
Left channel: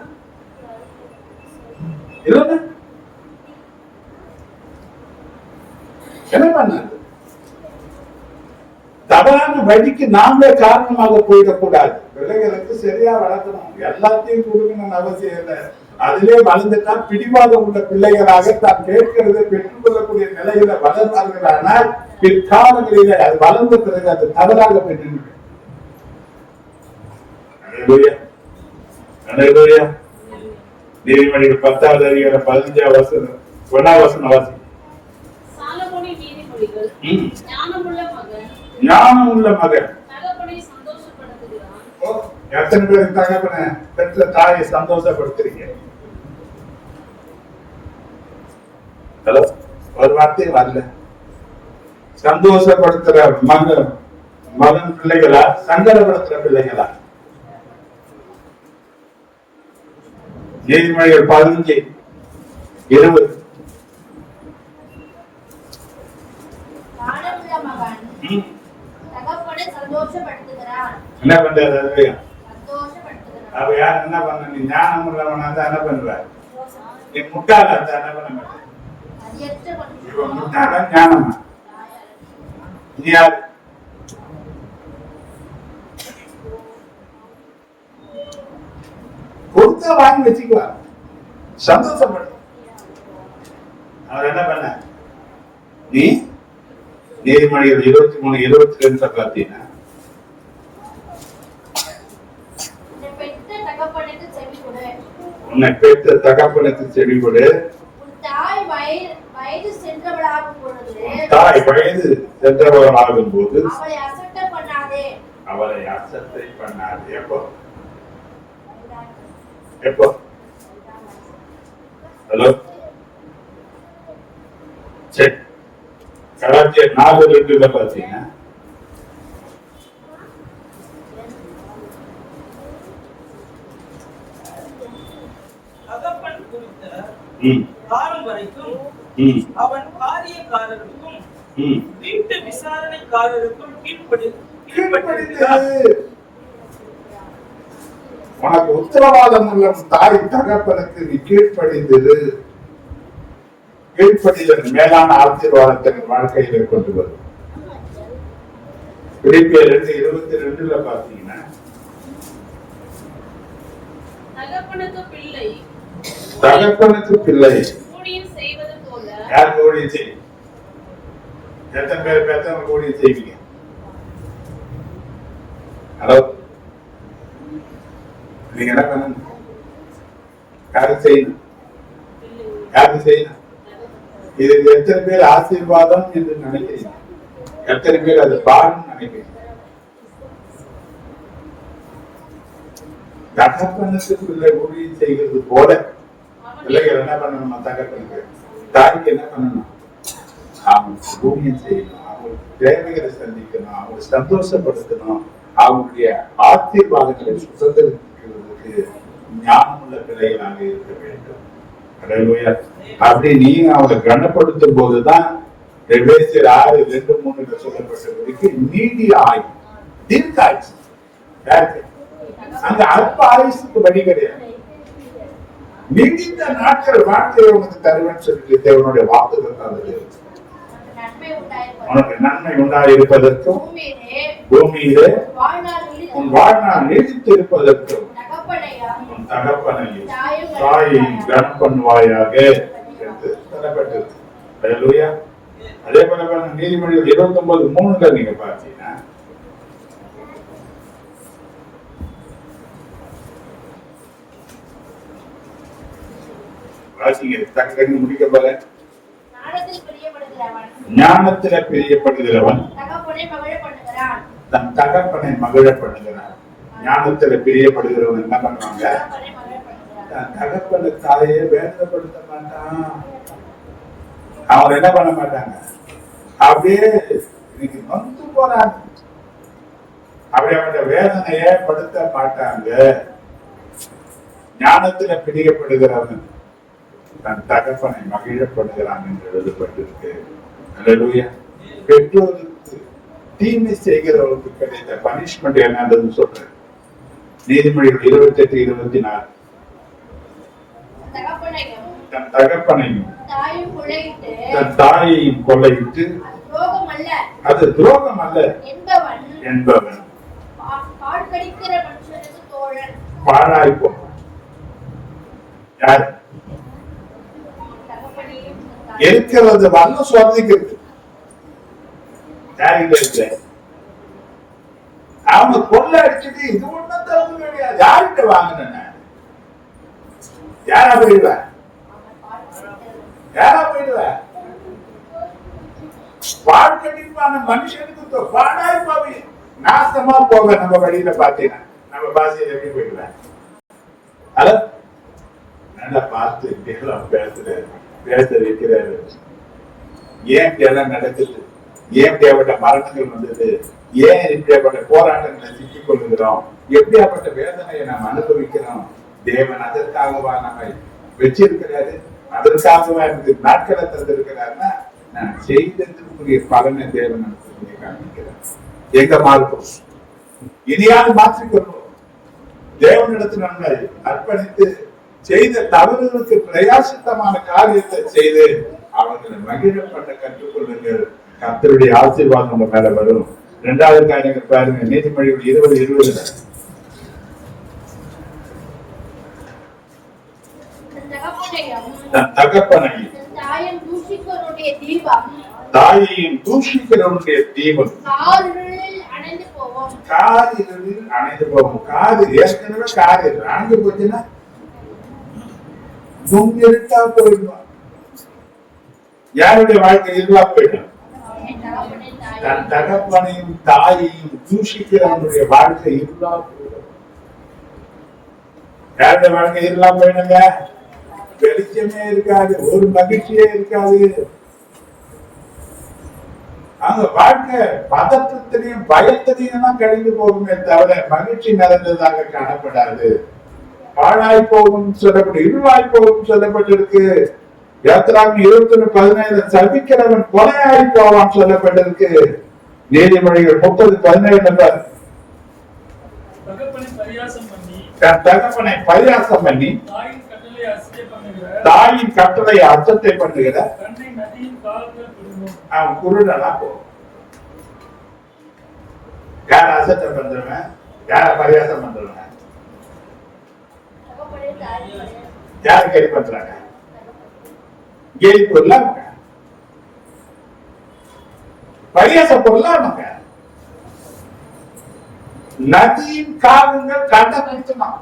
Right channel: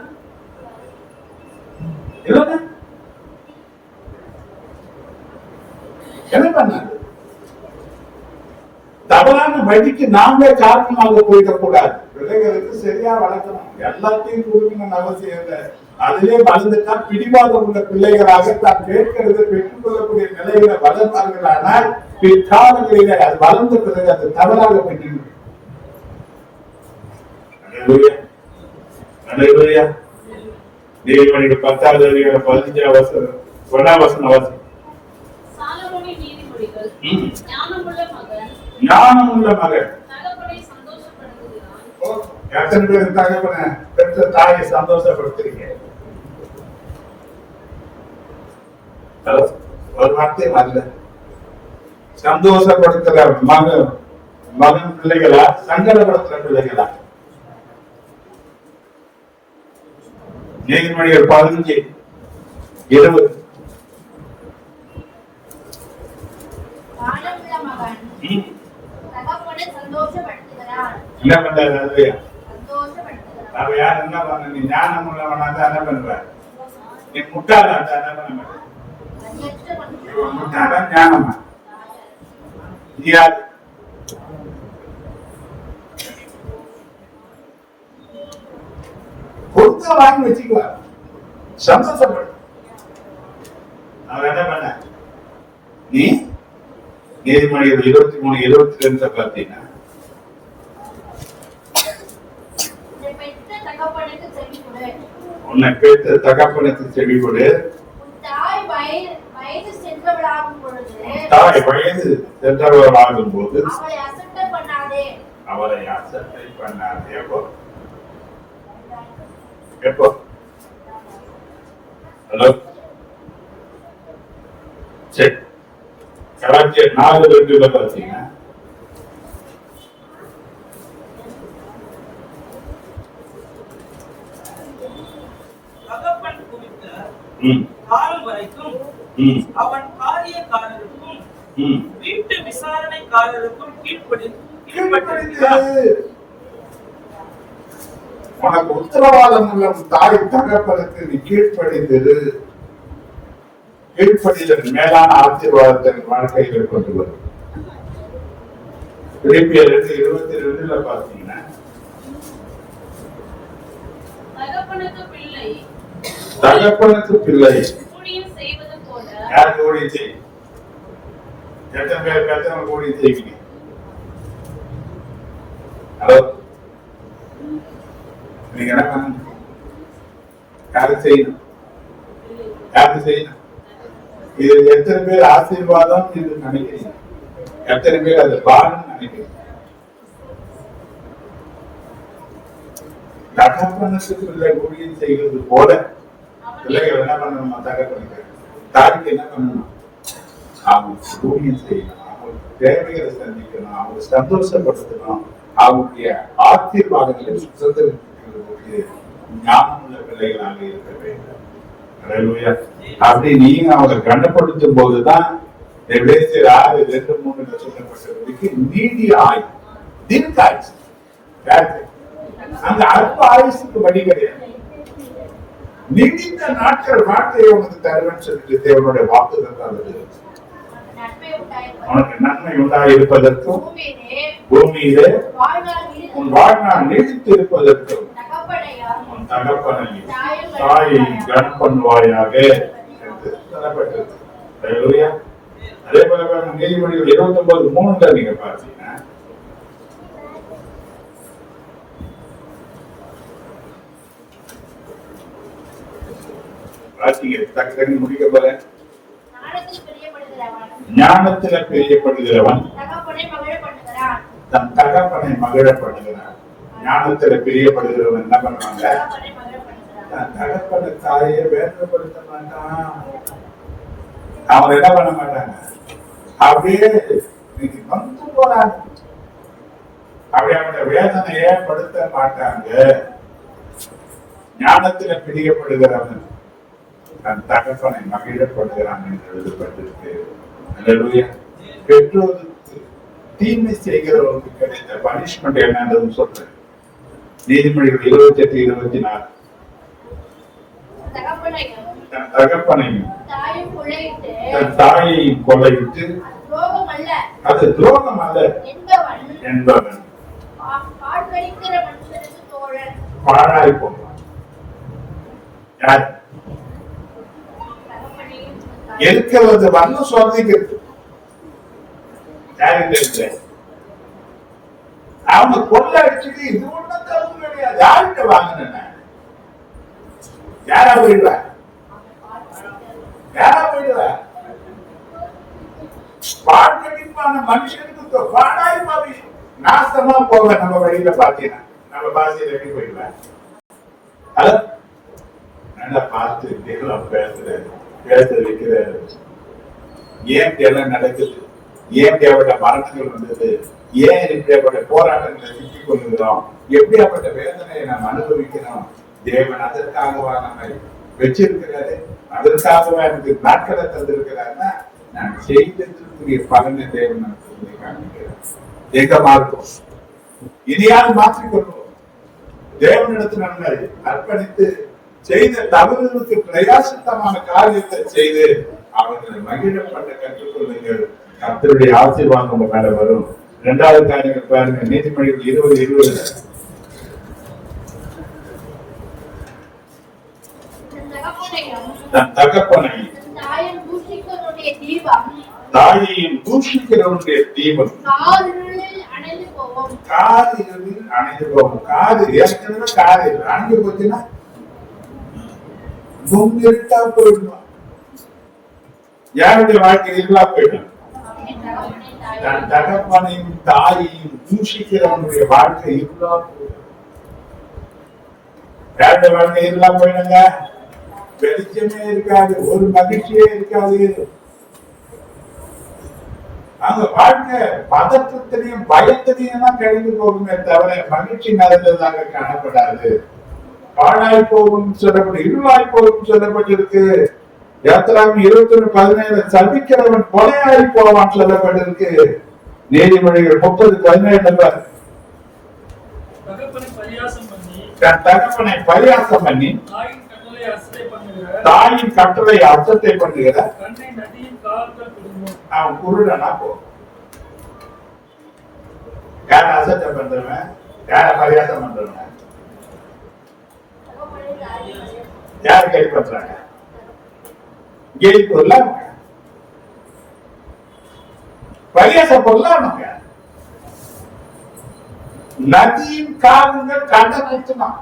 இல்லைன்னா என்ன பண்ண தவறான வழிக்கு நாமளே காரணமாக போயிடக்கூடாது. பிள்ளைகளுக்கு சரியா வளர்க்கணும், எல்லாத்தையும் கொடுக்கணும்னு அவசியம் இல்லை. அதிலே வளர்ந்துட்டா பிடிவாதம் உள்ள பிள்ளைகளாக தான் கேட்கிறதை பெற்றுக் கொள்ளக்கூடிய நிலையில வளர்வார்கள். ஆனால் பிற்காலங்களிலே அது வளர்ந்த பிறகு அது தவறாக பெற்று நீதிமொழிகள் 10வது அதிகாரம் 15வது வசனம் 1வது வசனம் வாசி. சாலமோனின் நீதிமொழிகள். ஞானமுள்ள மகன் தகப்பனை சந்தோஷப்படுத்துகிறான். எத்தனை பேருக்கு தகப்பனை பெற்ற தாயை சந்தோஷப்படுத்துறீங்க? ஒரு வார்த்தை வரல. சந்தோஷப்படுத்துற மகன் பிள்ளைகளா, சங்கடப்படுத்துற பிள்ளைகளா? நீதிமொழிகள் 15:20. என்ன பண்றது? அப்ப யார் என்ன பண்ண? நீ ஞானம் உள்ளவனா தான் என்ன பண்ற? நீ முட்டாளா தான் என்ன பண்ண மாட்டேன்? முட்டாளா ஞானமா? யார் கொடுத்த வாங்கி வச்சுக்குவார், சந்தோஷப்படு. அவர் என்ன பண்ண? நீ நீதிமொழிகள் 23:22 பார்த்தீங்கன்னா, உன்னை பெற்ற தகப்பனுக்கு செவி கொடு. தாய் வயது சென்றவளாகும் போது அவளை அசட்டை பண்ணாதே. எப்போ? ஹலோ, சரி. கலாச்சியர் 4:2 பார்த்தீங்கன்னா, தகப்பன் குறித்த காலம் வரைக்கும் அவன் காரியக்காரருக்கும் வீட்டு விசாரணைக்காரருக்கும் கீழ்ப்படிந்து உனக்கு உத்தரவாதம் உள்ள தாய் தகப்பனுக்கு நீ கீழ்ப்படிந்தது. கீழ்ப்படிதல் மேலான ஆசீர்வாதத்தை வாழ்க்கையில கொண்டு வரும். பிலிப்பியர் 2:22 பார்த்தீங்கன்னா, தகப்பனுக்கு பிள்ளை யாருக்கு ஊழியம் செய்யும்? எத்தனை பேர் பெற்றவங்க ஊழியம் செய்வீங்க? ஹலோ, நீங்க என்ன பண்ணணும்? யாருக்கு செய்யணும்? யாருக்கு செய்யணும்? இது எத்தனை பேர் ஆசீர்வாதம் என்று நினைக்கிறீங்க? எத்தனை பேர் அது பாரம் நினைக்கிறீங்க? தகப்பனுக்கு பிள்ளை ஊழியம் செய்வது போல பிள்ளைகள் என்ன பண்ணணும்? தகப்பனுக்கு தாய்க்கு என்ன பண்ணணும்? அவங்க ஊழியம் செய்யணும், அவங்க தேவைகளை சந்திக்கணும், அவங்க சந்தோஷப்படுத்தணும், அவங்களுடைய ஆசீர்வாதங்களை சுதந்திரத்துக்கு ஞானமுள்ள பிள்ளைகளாக இருக்க வேண்டும். அப்படி நீங்க அவங்க கனப்படுத்தும் போதுதான் 6:2-3 சொல்லப்பட்டவர்களுக்கு நீடிய ஆயுள், தீர்க்க ஆயுசு. யாருக்கு? அந்த அற்ப ஆயுசுக்கு வழி கிடையாது. நீடித்த நாட்கள் வாழ்க்கையை உனக்கு தருவேன்னு சொல்லி தேவனுடைய வாக்குதான். உனக்கு நன்மை உண்டாயிருப்பதற்கும் பூமியிலே உன் வாழ்நாள் நீடித்து இருப்பதற்கும் உன் தகப்பனை தாயை கனப்பண்வாயாக என்று சொல்லப்பட்டது. அதே போல நீதிமொழிகள் 29:3 நீங்க பார்த்தீங்கன்னா, முடிக்க போல ஞானத்தில பிரியப்படுகிறவன் தன் தகப்பனை மகிழ பண்ணுகிறான். ஞானத்தில பிரியப்படுகிறவன் என்ன பண்றாங்க? தன் தகப்பனை தாயை வேதனைப்படுத்த மாட்டான். அவன் என்ன பண்ண மாட்டாங்க? அப்படியே வந்து போறாங்க. அப்படி அவனுடைய வேதனையை படுத்த மாட்டாங்க. ஞானத்தில பிரியப்படுகிறவன் தன் தகப்பனை மகிழப்படுகிறான் என்று எழுதப்பட்டிருக்கு. அல்லேலூயா. பெற்றோருக்கு தீமை செய்கிறவருக்கு கிடைத்த பனிஷ்மெண்ட் என்னன்னு சொல்றேன். நீதிமொழிகள் 28:24. தன் தகப்பனையும் தன் தாயையும் கொள்ளையிட்டு அது துரோகம் அல்ல என்பவன் பாழாய் போவான். யார் இருக்கிறது வந்து சோதிக்கிறது யாருங்க அவங்க கொள்ள அடிச்சுட்டு இது ஒண்ணும் தப்பு கிடையாது. யார்கிட்ட வாங்கின யாரா போயிடுவ வாழ்க்கையான மனுஷனுக்கு பாடாய் போவி நாசமா போக நம்ம வழியில பாத்தீங்கன்னா நம்ம பாஷையில எப்படி போயிடுவேன். ஹலோ நல்லா பார்த்து பேச வைக்கிறாரு. ஏன் எல்லாம் நடக்குது, ஏன் தேவைப்பட்ட மரணங்கள் வந்தது, ஏன் இப்படியாப்பட்ட போராட்டங்களை சிக்கிக் கொள்கிறோம், எப்படியாப்பட்ட வேதனையை நாம் அனுபவிக்கிறோம். தேவன் அதற்காகவா நம்மை வச்சிருக்கிறாரு, அதற்காகவா எனக்கு நாட்களை தந்திருக்கிறாருன்னா நான் செய்ததற்குரிய பலனை தேவன் நமக்கு காண்பிக்கிறார். எங்க மாறும் இனியாவது மாற்றிக்கொள்வோம். தேவனிடத்தில் நம்மை அர்ப்பணித்து செய்த தவறுகளுக்கு பிரயாசத்தமான காரியத்தை செய்து அவர்களை மகிழப்பட்ட கற்றுக்கொள்ளுங்கள். கர்த்தருடைய ஆசீர்வாதம் உங்க மேல வரும். 2வது காரியங்கள் பாருங்க, நீதிமொழிகள் 20:20. தன் தகப்பனையும் தாயையும் தூஷிக்கிறவனுடைய தீபம் காதில் அணைந்து போகும். காது ஏற்கனவே காது அணைந்து போச்சுன்னா இருட்டா போயிடுவான். யாருடைய வாழ்க்கை இருளா போயிடும். தன் தகப்பனையும் தாயையும் தூஷிக்கிறவனுடைய வாழ்க்கை இருளா போயிடும். யாருடைய வாழ்க்கை இருளா போயிடுங்க. வெளிச்சமே இருக்காது, ஒரு மகிழ்ச்சியே இருக்காது. அவங்க வாழ்க்கை பதற்றத்திலையும் பயத்திலையும் தான் கழிந்து போகுமே தவிர மகிழ்ச்சி நிறைந்ததாக காணப்படாது. பாழாய் போகும் சொல்லப்பட்டு இருளாய் போகும் சொல்லப்பட்டிருக்கு. யாத்திராவின் 21:17 சபிக்கிறவன் கொலையாய் போவான் சொல்லப்பட்டிருக்கு. நீதிமொழிகள் 30:17 தன் தகப்பனை பரியாசம் பண்ணி தாயின் கட்டளை அர்த்தத்தை பண்ணுகிற அவன் குருடனா போவான். யார அசத்தை பண்றவன், யார பரியாசம் பண்றவன், யாரு கை பண்றாங்க, கேலி பொருளாங்க, பரியாச பொருளாங்க. நதியின் காவங்கள் கண்ட நிறுத்தினான்.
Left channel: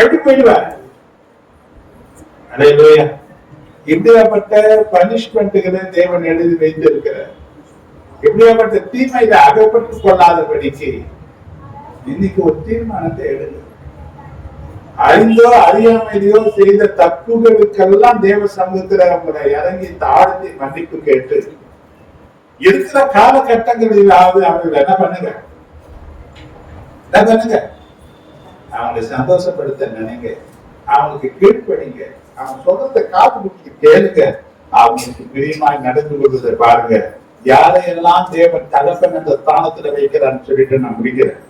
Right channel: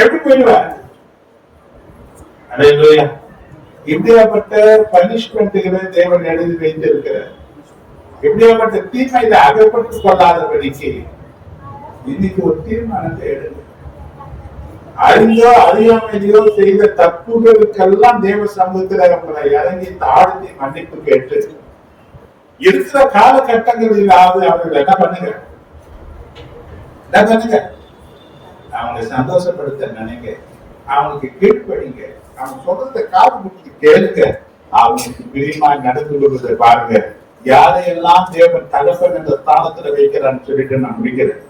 எப்படி போயிடுவார்? இப்படியாப்பட்ட பனிஷ்மெண்ட்டுகளை தேவன் எழுதி வைத்திருக்கிறார். இப்படியாப்பட்ட தீமையில அகப்பட்டுக் கொள்ளாதபடிக்கு இன்னைக்கு ஒரு தீர்மானத்தை எழுது. அறிந்தோ அறியாமையோ செய்த தப்புகளுக்கெல்லாம் தேவ சமூகத்தில் அவங்களை இறங்கி தாழ்த்தி மன்னிப்பு கேட்டு இருக்கிற காலகட்டங்களிலாவது அவர்கள் என்ன பண்ணுங்க, அவங்களை சந்தோஷப்படுத்த நினைங்க, அவங்களுக்கு கீழ்ப்படிங்க, அவங்க சொல்றதை காது கொடுத்து கேளுங்க, அவங்களுக்கு பிரியமா நடந்து கொள்வதை பாருங்க. யாரையெல்லாம் தேவன் தகப்பன் என்ற ஸ்தானத்துல வைக்கிறான்னு சொல்லிட்டு நான் முடிக்கிறேன்.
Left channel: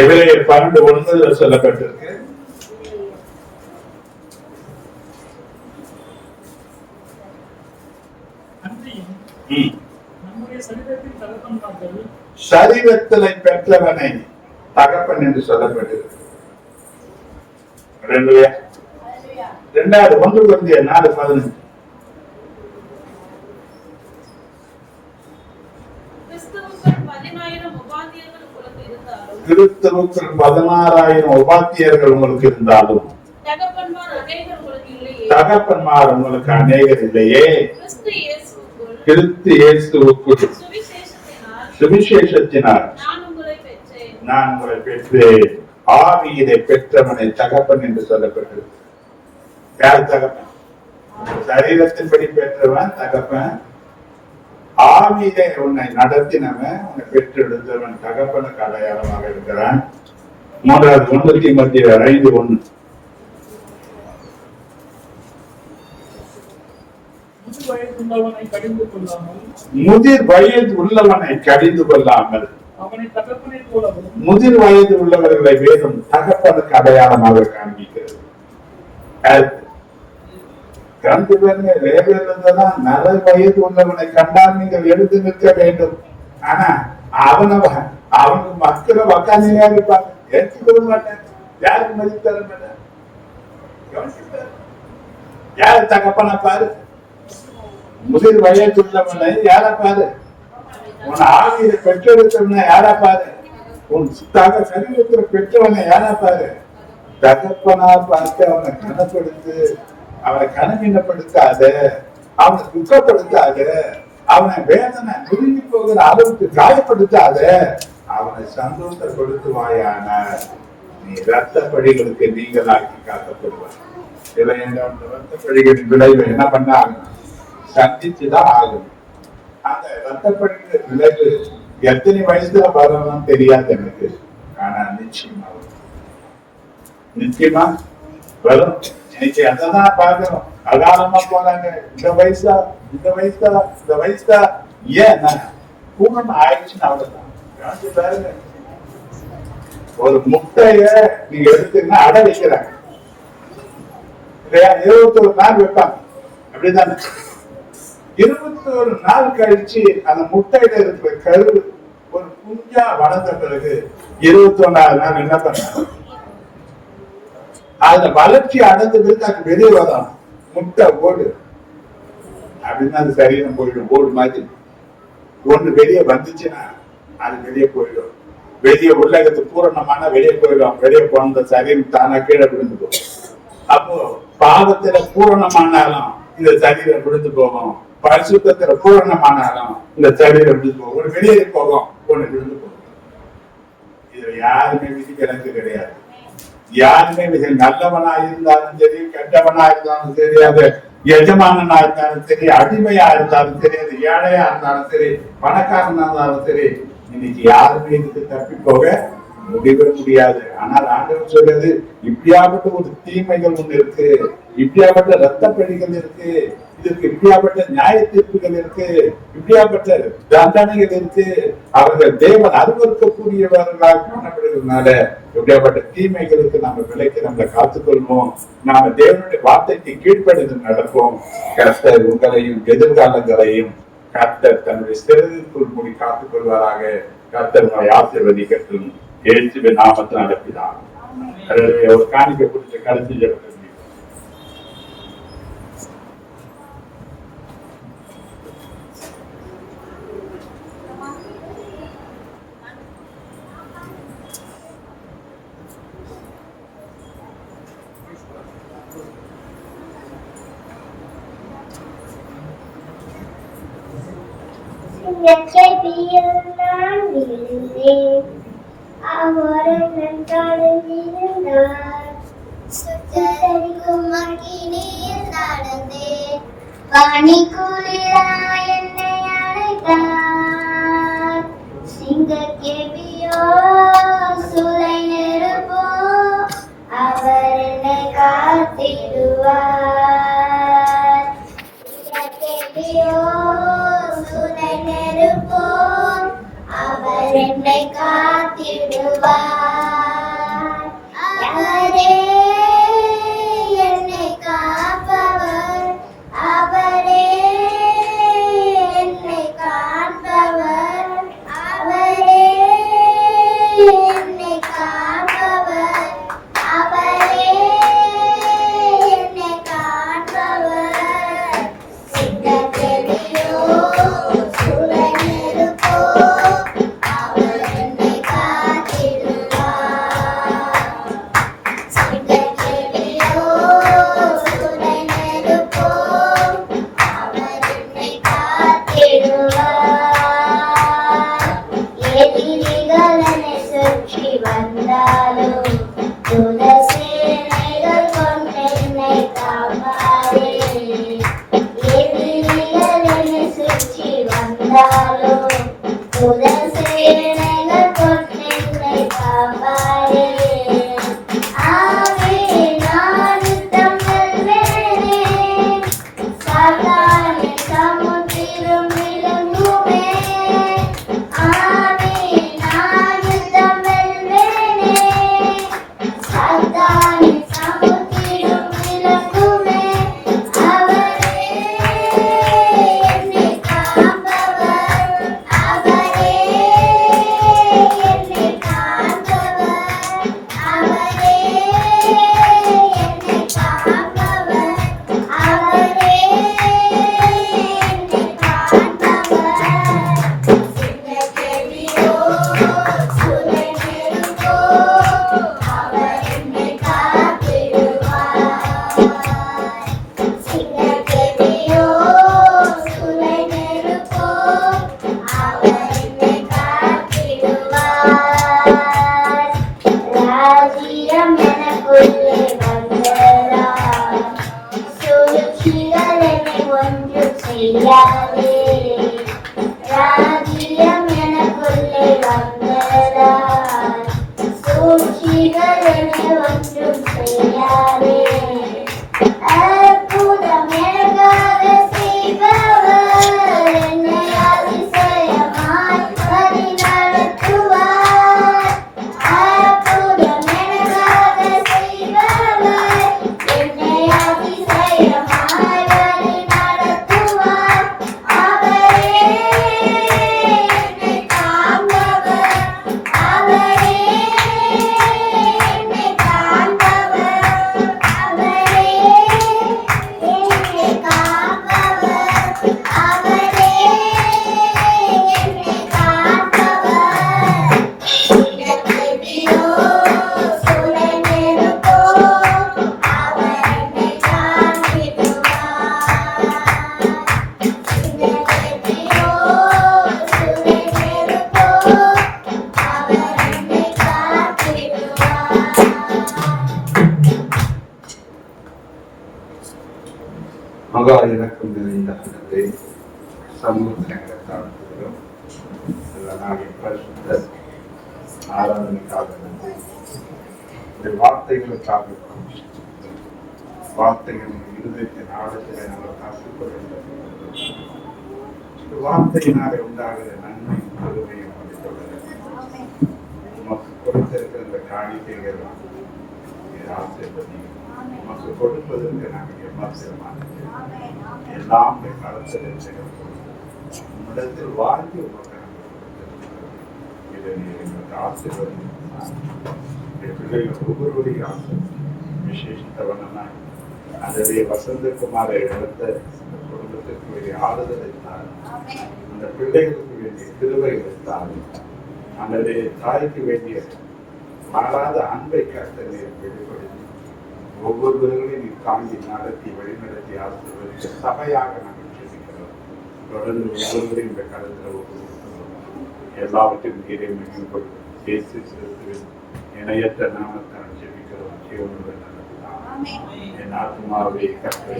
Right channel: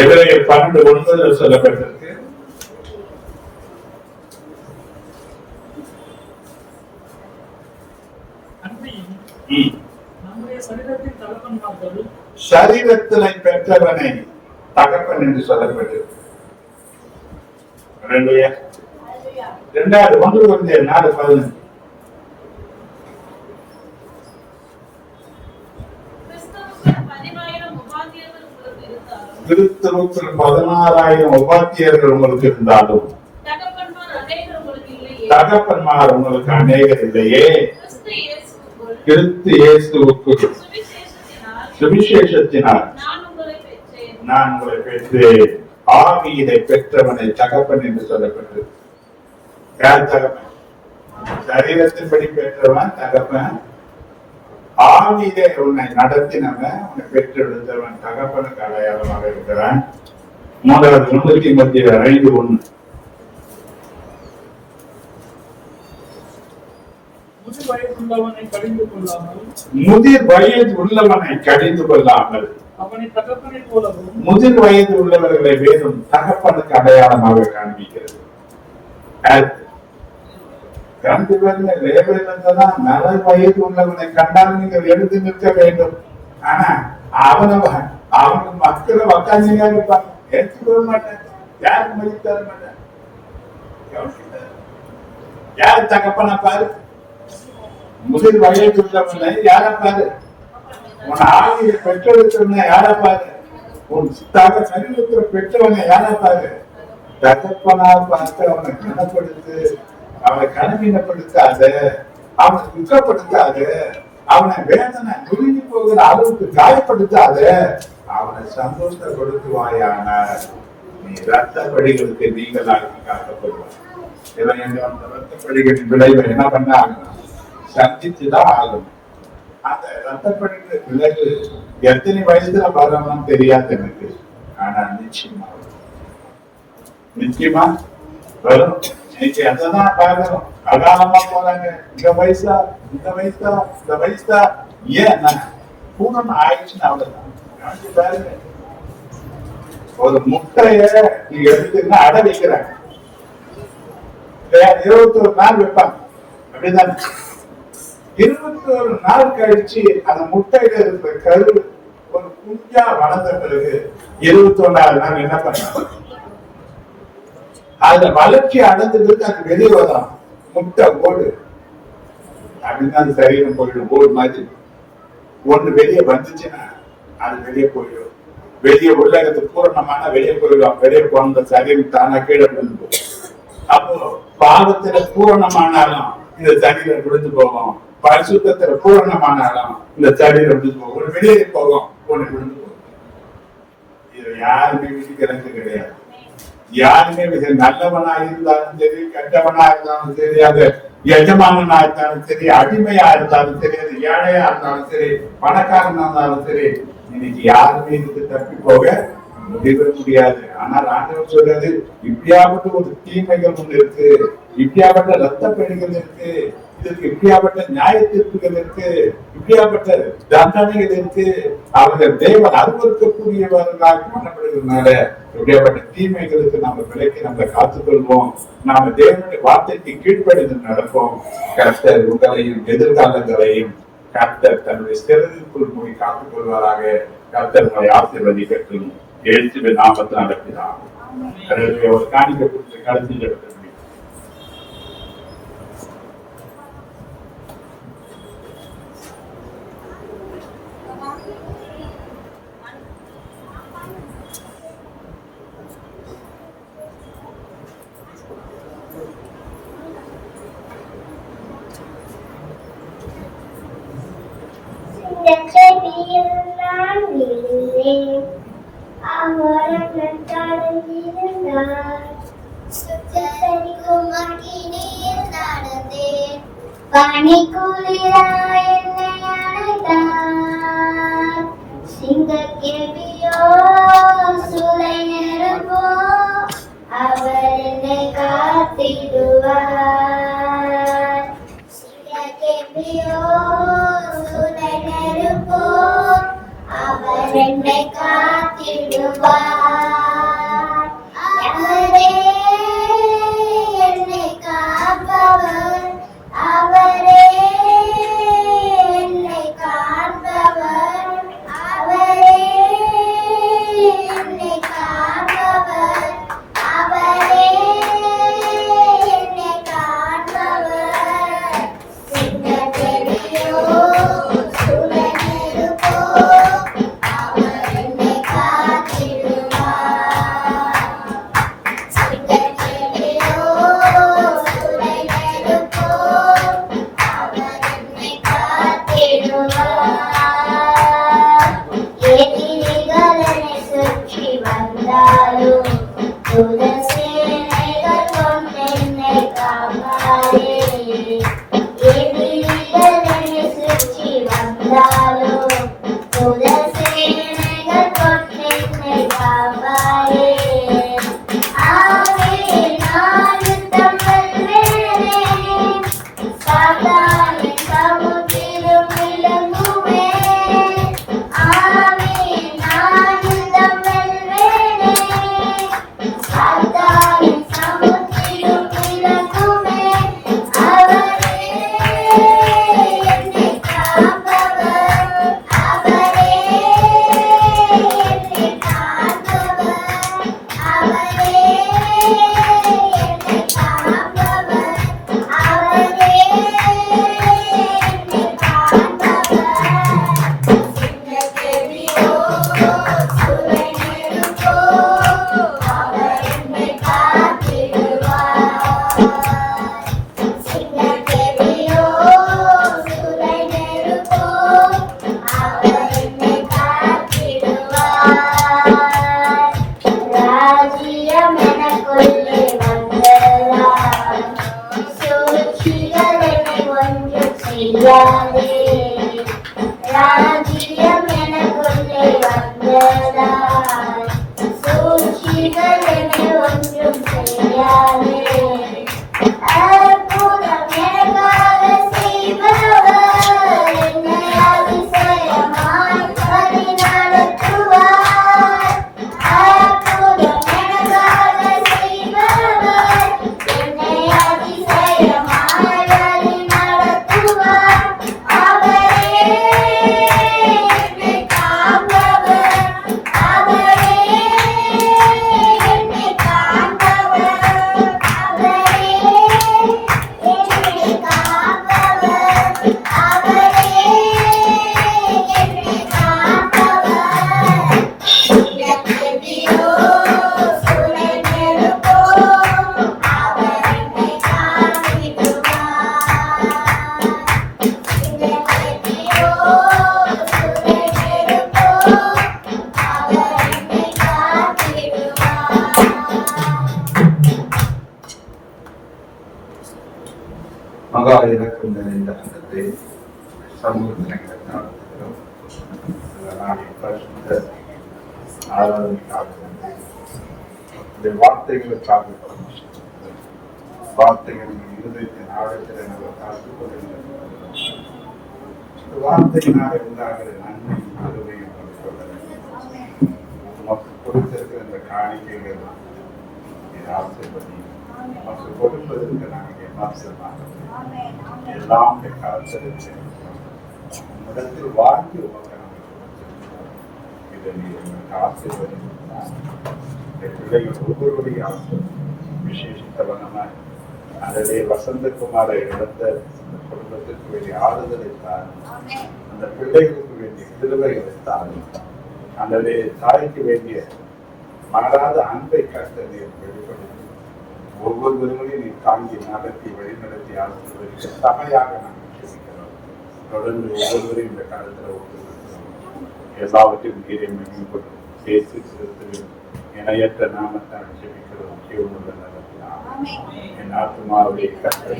எபிரேயர் 12:9 சொல்லப்பட்டிருக்கு. சரீரத்தினை பெற்றவனை தகப்பன் என்று சொல்லப்பட்டிருக்கு. 2:1 கிறிஸ்துவுக்குள் 16,000 உபாத்தியர்கள் உங்களுக்கு இருந்தாலும் தகப்பன்மார் உங்களுக்கு அநேகர் இல்லையே. கிறிஸ்து இயேசுவுக்குள் சுவிசேஷத்தினால் நான் உங்களை பெற்றேன். ஆவியினை பெற்றவனை தகப்பன் என்று சொல்லப்பட்டது. யார் தகப்பன்? சரீரத்தின்படி பெற்றவன் தகப்பன். ஆவியிலே உன்னை நடத்தினவன், உன்னை பெற்றெடுத்தவன் தகப்பனுக்கு அடையாளமாக இருக்கிறான். 3 தீமோத்தேயு 5:1 உள்ளவனை கடிந்து கொள்ளாமல் முதிர் வயது உள்ளவனை கடிந்து கொள்ளாமல் அவனை தகப்பனை போலவும் முதிர் வயது உள்ளவர்களை வேறும் தகப்பனுக்கு அடையாளமாக காண்பிக்கிறது. நல வயது உள்ளவனை கண்டால் நீங்கள் எழுந்து நிற்க வேண்டும். ஆனா அவனுக்கு மக்களை உக்காந்துனே இருப்பாங்க, ஏற்றுக்கொள்ள மாட்டாங்க, யாருக்கு மதிப்பு தர மாட்டாங்க. யாரு தகப்பனா பாரு, முதிர் வயது உள்ளவனை யாரா பாரு, உன் ஆவியை பெற்றெடுத்தவனை யாரா பாரு, உன் சரீரத்தில் பெற்றவனை யாரா பாரு. தகப்பனா பார்த்து அவனை கனப்படுத்து, அவனை கனவீனப்படுத்தாத, அவனை துக்கப்படுத்தாத, அவனை வேதனை நெருங்கி போகிற அளவுக்கு காயப்படுத்தாத, அவனை சந்தோஷப்படுத்துவாயான நீ ரத்த படிகளுக்கு நீங்களாக்கி காக்கப்படுவாய். அந்த ரத்த படிகளின் விளைவை என்ன பண்ண ஆகணும், சந்திச்சுதான் ஆகணும். அந்த ரத்த படிகளின் விளைவு எத்தனை வயசுல வரணும் தெரியாது எனக்கு, ஆனா நிச்சயமா நிச்சயமா வரும். இன்னைக்கு அதான் பாக்குறோம், அகாலமா போறாங்க. இந்த வயசா இந்த வயசா இந்த வயசா, ஏன் பூர்ணம் ஆயிடுச்சுன்னு அவ்வளவுதான். பாருங்க, ஒரு முட்டைய நீங்க எடுத்தீங்கன்னா அடை வைக்கிறாங்க, 21 நாள் வைப்பாங்க, அப்படிதானே? 21 நாள் கழிச்சு அந்த முட்டையில இருக்கிற கரு ஒரு குஞ்சா வளர்ந்த பிறகு 21ஆவது நாள் என்ன பண்ணாங்க, அந்த வளர்ச்சி அடைந்ததுக்கு அது வெளியே வரலாம். முட்டை ஓடு அப்படின்னா அது சரீரம் போயிடும். ஓடு மாதிரி ஒண்ணு வெளியே வந்துச்சுன்னா அது வெளியே போயிடும். வெளியே உலகத்து பூரணமான வெளியே போயிடும். வெளியே போன சரீரம் தானா கீழே விழுந்து போகும். அப்போ பாவத்துல பூரணமானாலும் இந்த சரீரம் விழுந்து போகும், பரிசுத்தத்துல பூரணமானாலும் இந்த சரீரம் விழுந்து போகும். ஒண்ணு வெளியே போகும், ஒண்ணு விழுந்து போகும். இது யாருமே விதிக்கிறது கிடையாது. யாருமே நல்லவனா இருந்தாலும் சரி, கெட்டவனா இருந்தாலும் சரி, அது எஜமானனா இருந்தாலும் சரி, அடிமையா இருந்தாலும் சரி, அது ஏழையா இருந்தாலும் சரி, பணக்காரனா இருந்தாலும் சரி, இன்னைக்கு யாருமே இதுக்கு தப்பி போக முடியாது. ஆனால் ஆண்டவர் சொல்றது, இப்படியாப்பட்ட ஒரு தீமைகள் ஒண்ணு இருக்கு, இப்படியாப்பட்ட ரத்த பழிகள் இருக்கு, இதற்கு இப்படியாப்பட்ட நியாய தீர்ப்புகள் இருக்கு, இப்படியாப்பட்ட தண்டனைகள் இருக்கு. அவர்கள் தேவன் அருவருக்கக்கூடியவர்களாக காணப்படுகிறதுனால இப்படியாப்பட்ட தீமைகளுக்கு நம்ம விலைக்கு நம்மளை காத்துக்கொள்வோம். நாம தேவனுடைய வார்த்தைக்கு கீழ்ப்படிந்து நடப்போம். கர்த்தர் உங்களையும் எதிர்காலங்களையும் கர்த்தர் தன்னுடைய சிறதிற்குள் மூடி காத்துக் கொள்வாராக. கர்த்தர் உங்களை ஆசீர்வதிக்கட்டும். இயேசுவின் நாமத்தில் நடப்பிதான். ஒரு காணிக்கை குறித்து கடைசி ஜெபத்தை நான் விழுந்தேன், அவரம் நடந்திருந்தார், சுத்தரிக்கும் மகிழ்ச்சியில் நடந்தேன், பனிக்குளிராய் என்னை அழைத்தார், சிங்கக்கேபியோ சுரை நெருப்போ அவர் என்னை காத்திடுவார், சிங்கக்கேபியோ சுரை நெருப்போ அவர் என்னை காத்திடுவார். அவரே என்னை காப்பவர், அவரே என்னை காப்பவர், அவரே என்னை காப்பவர், அவரே என்னை காப்பவர். சிங்கக்கேபியோ சுரை நெருப்போ அவர் என்னை காத்திடுவார். மகா இலக்கம் நிறைந்த ஆண்டவரே, சமூகத்தினங்களை தாழ்த்துகிறோம். இந்த நாளின் பரிசுத்த ஆராதனைக்காக நன்றி. இந்த வார்த்தைகளுக்காக வார்த்தைகள் இருதயத்தின் ஆழத்தில் எங்களை காத்துக்கொள்கின்றன. வார்த்தையினாலே உண்டாகிற நன்மை பெருமையை நமக்கு கொடுத்திருக்கிற இந்த காணிக்கைகள் ஆசீர்வதி. நமக்கு கொடுப்பதற்கு நாங்கள் எம்மாசமாக எல்லாம் காலத்தில் வாழ்க்கை இதை எங்களுக்கு ஆசீர்வதி. பிள்ளைகள் ஒவ்வொருவரையும் ஆசீர்வதி. விசேஷித்த வண்ணமாய் அதே வசந்தகுமார இடத்த அந்த குடும்பத்திற்கு வேண்டிய ஆறுதலை தாரும். அந்த பிள்ளைகளுக்கு வேண்டிய கிருபைகளை தாரும். அல்லது தாய்க்கு வேண்டிய மாறாத அன்பை கருத்தை நீர் வெளிப்படுத்தி ஒவ்வொருவர்களையும் நீர் தாங்கி நடத்தி வழிநடத்தி ஆசிரியர்களுக்கு சபையாக நாங்கள் ஜெபிக்கிறோம். தொடர்ந்து ஒவ்வொருவரையும் இந்த காலத்தில் எல்லாவற்றையும் நீரை மேம்படும் பேசி செலுத்துவேன். இணையற்ற நாமத்தால் ஜெபிக்கிறோம். ஜீவனுள்ள நடத்தினார் என் ஆத்மாவுடைய கருத்தை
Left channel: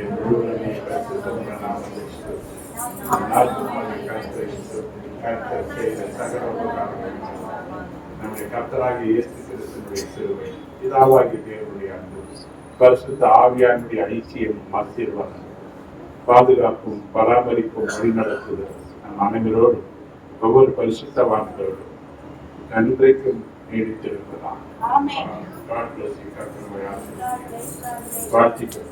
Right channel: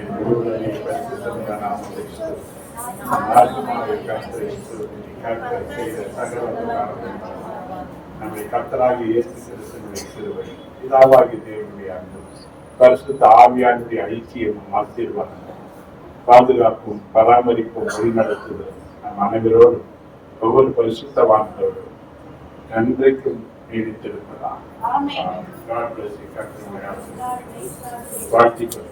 என் முழுவதுமே பரிசுத்த நாமத்தை என் ஆத்மாவுடைய கருத்தை கர்த்தர் செய்த சகல உபகாரங்களையும் நம்முடைய கர்த்தராகிய இயேசு கிறிஸ்துவினுடைய கிருபை, பிதாவாகிய தேவனுடைய அன்பு, பரிசுத்த ஆவியானுடைய ஐக்கியமும் ஆசீர்வாதமும் பாதுகாப்பும் பராமரிப்பும் வழிநடத்துதல் நம் அனைவரோடும் ஒவ்வொரு பரிசுத்தவான்களோடும் நன்றைக்கும் நீடித்திருப்பதான். வாழ்த்திக்கிறோம்.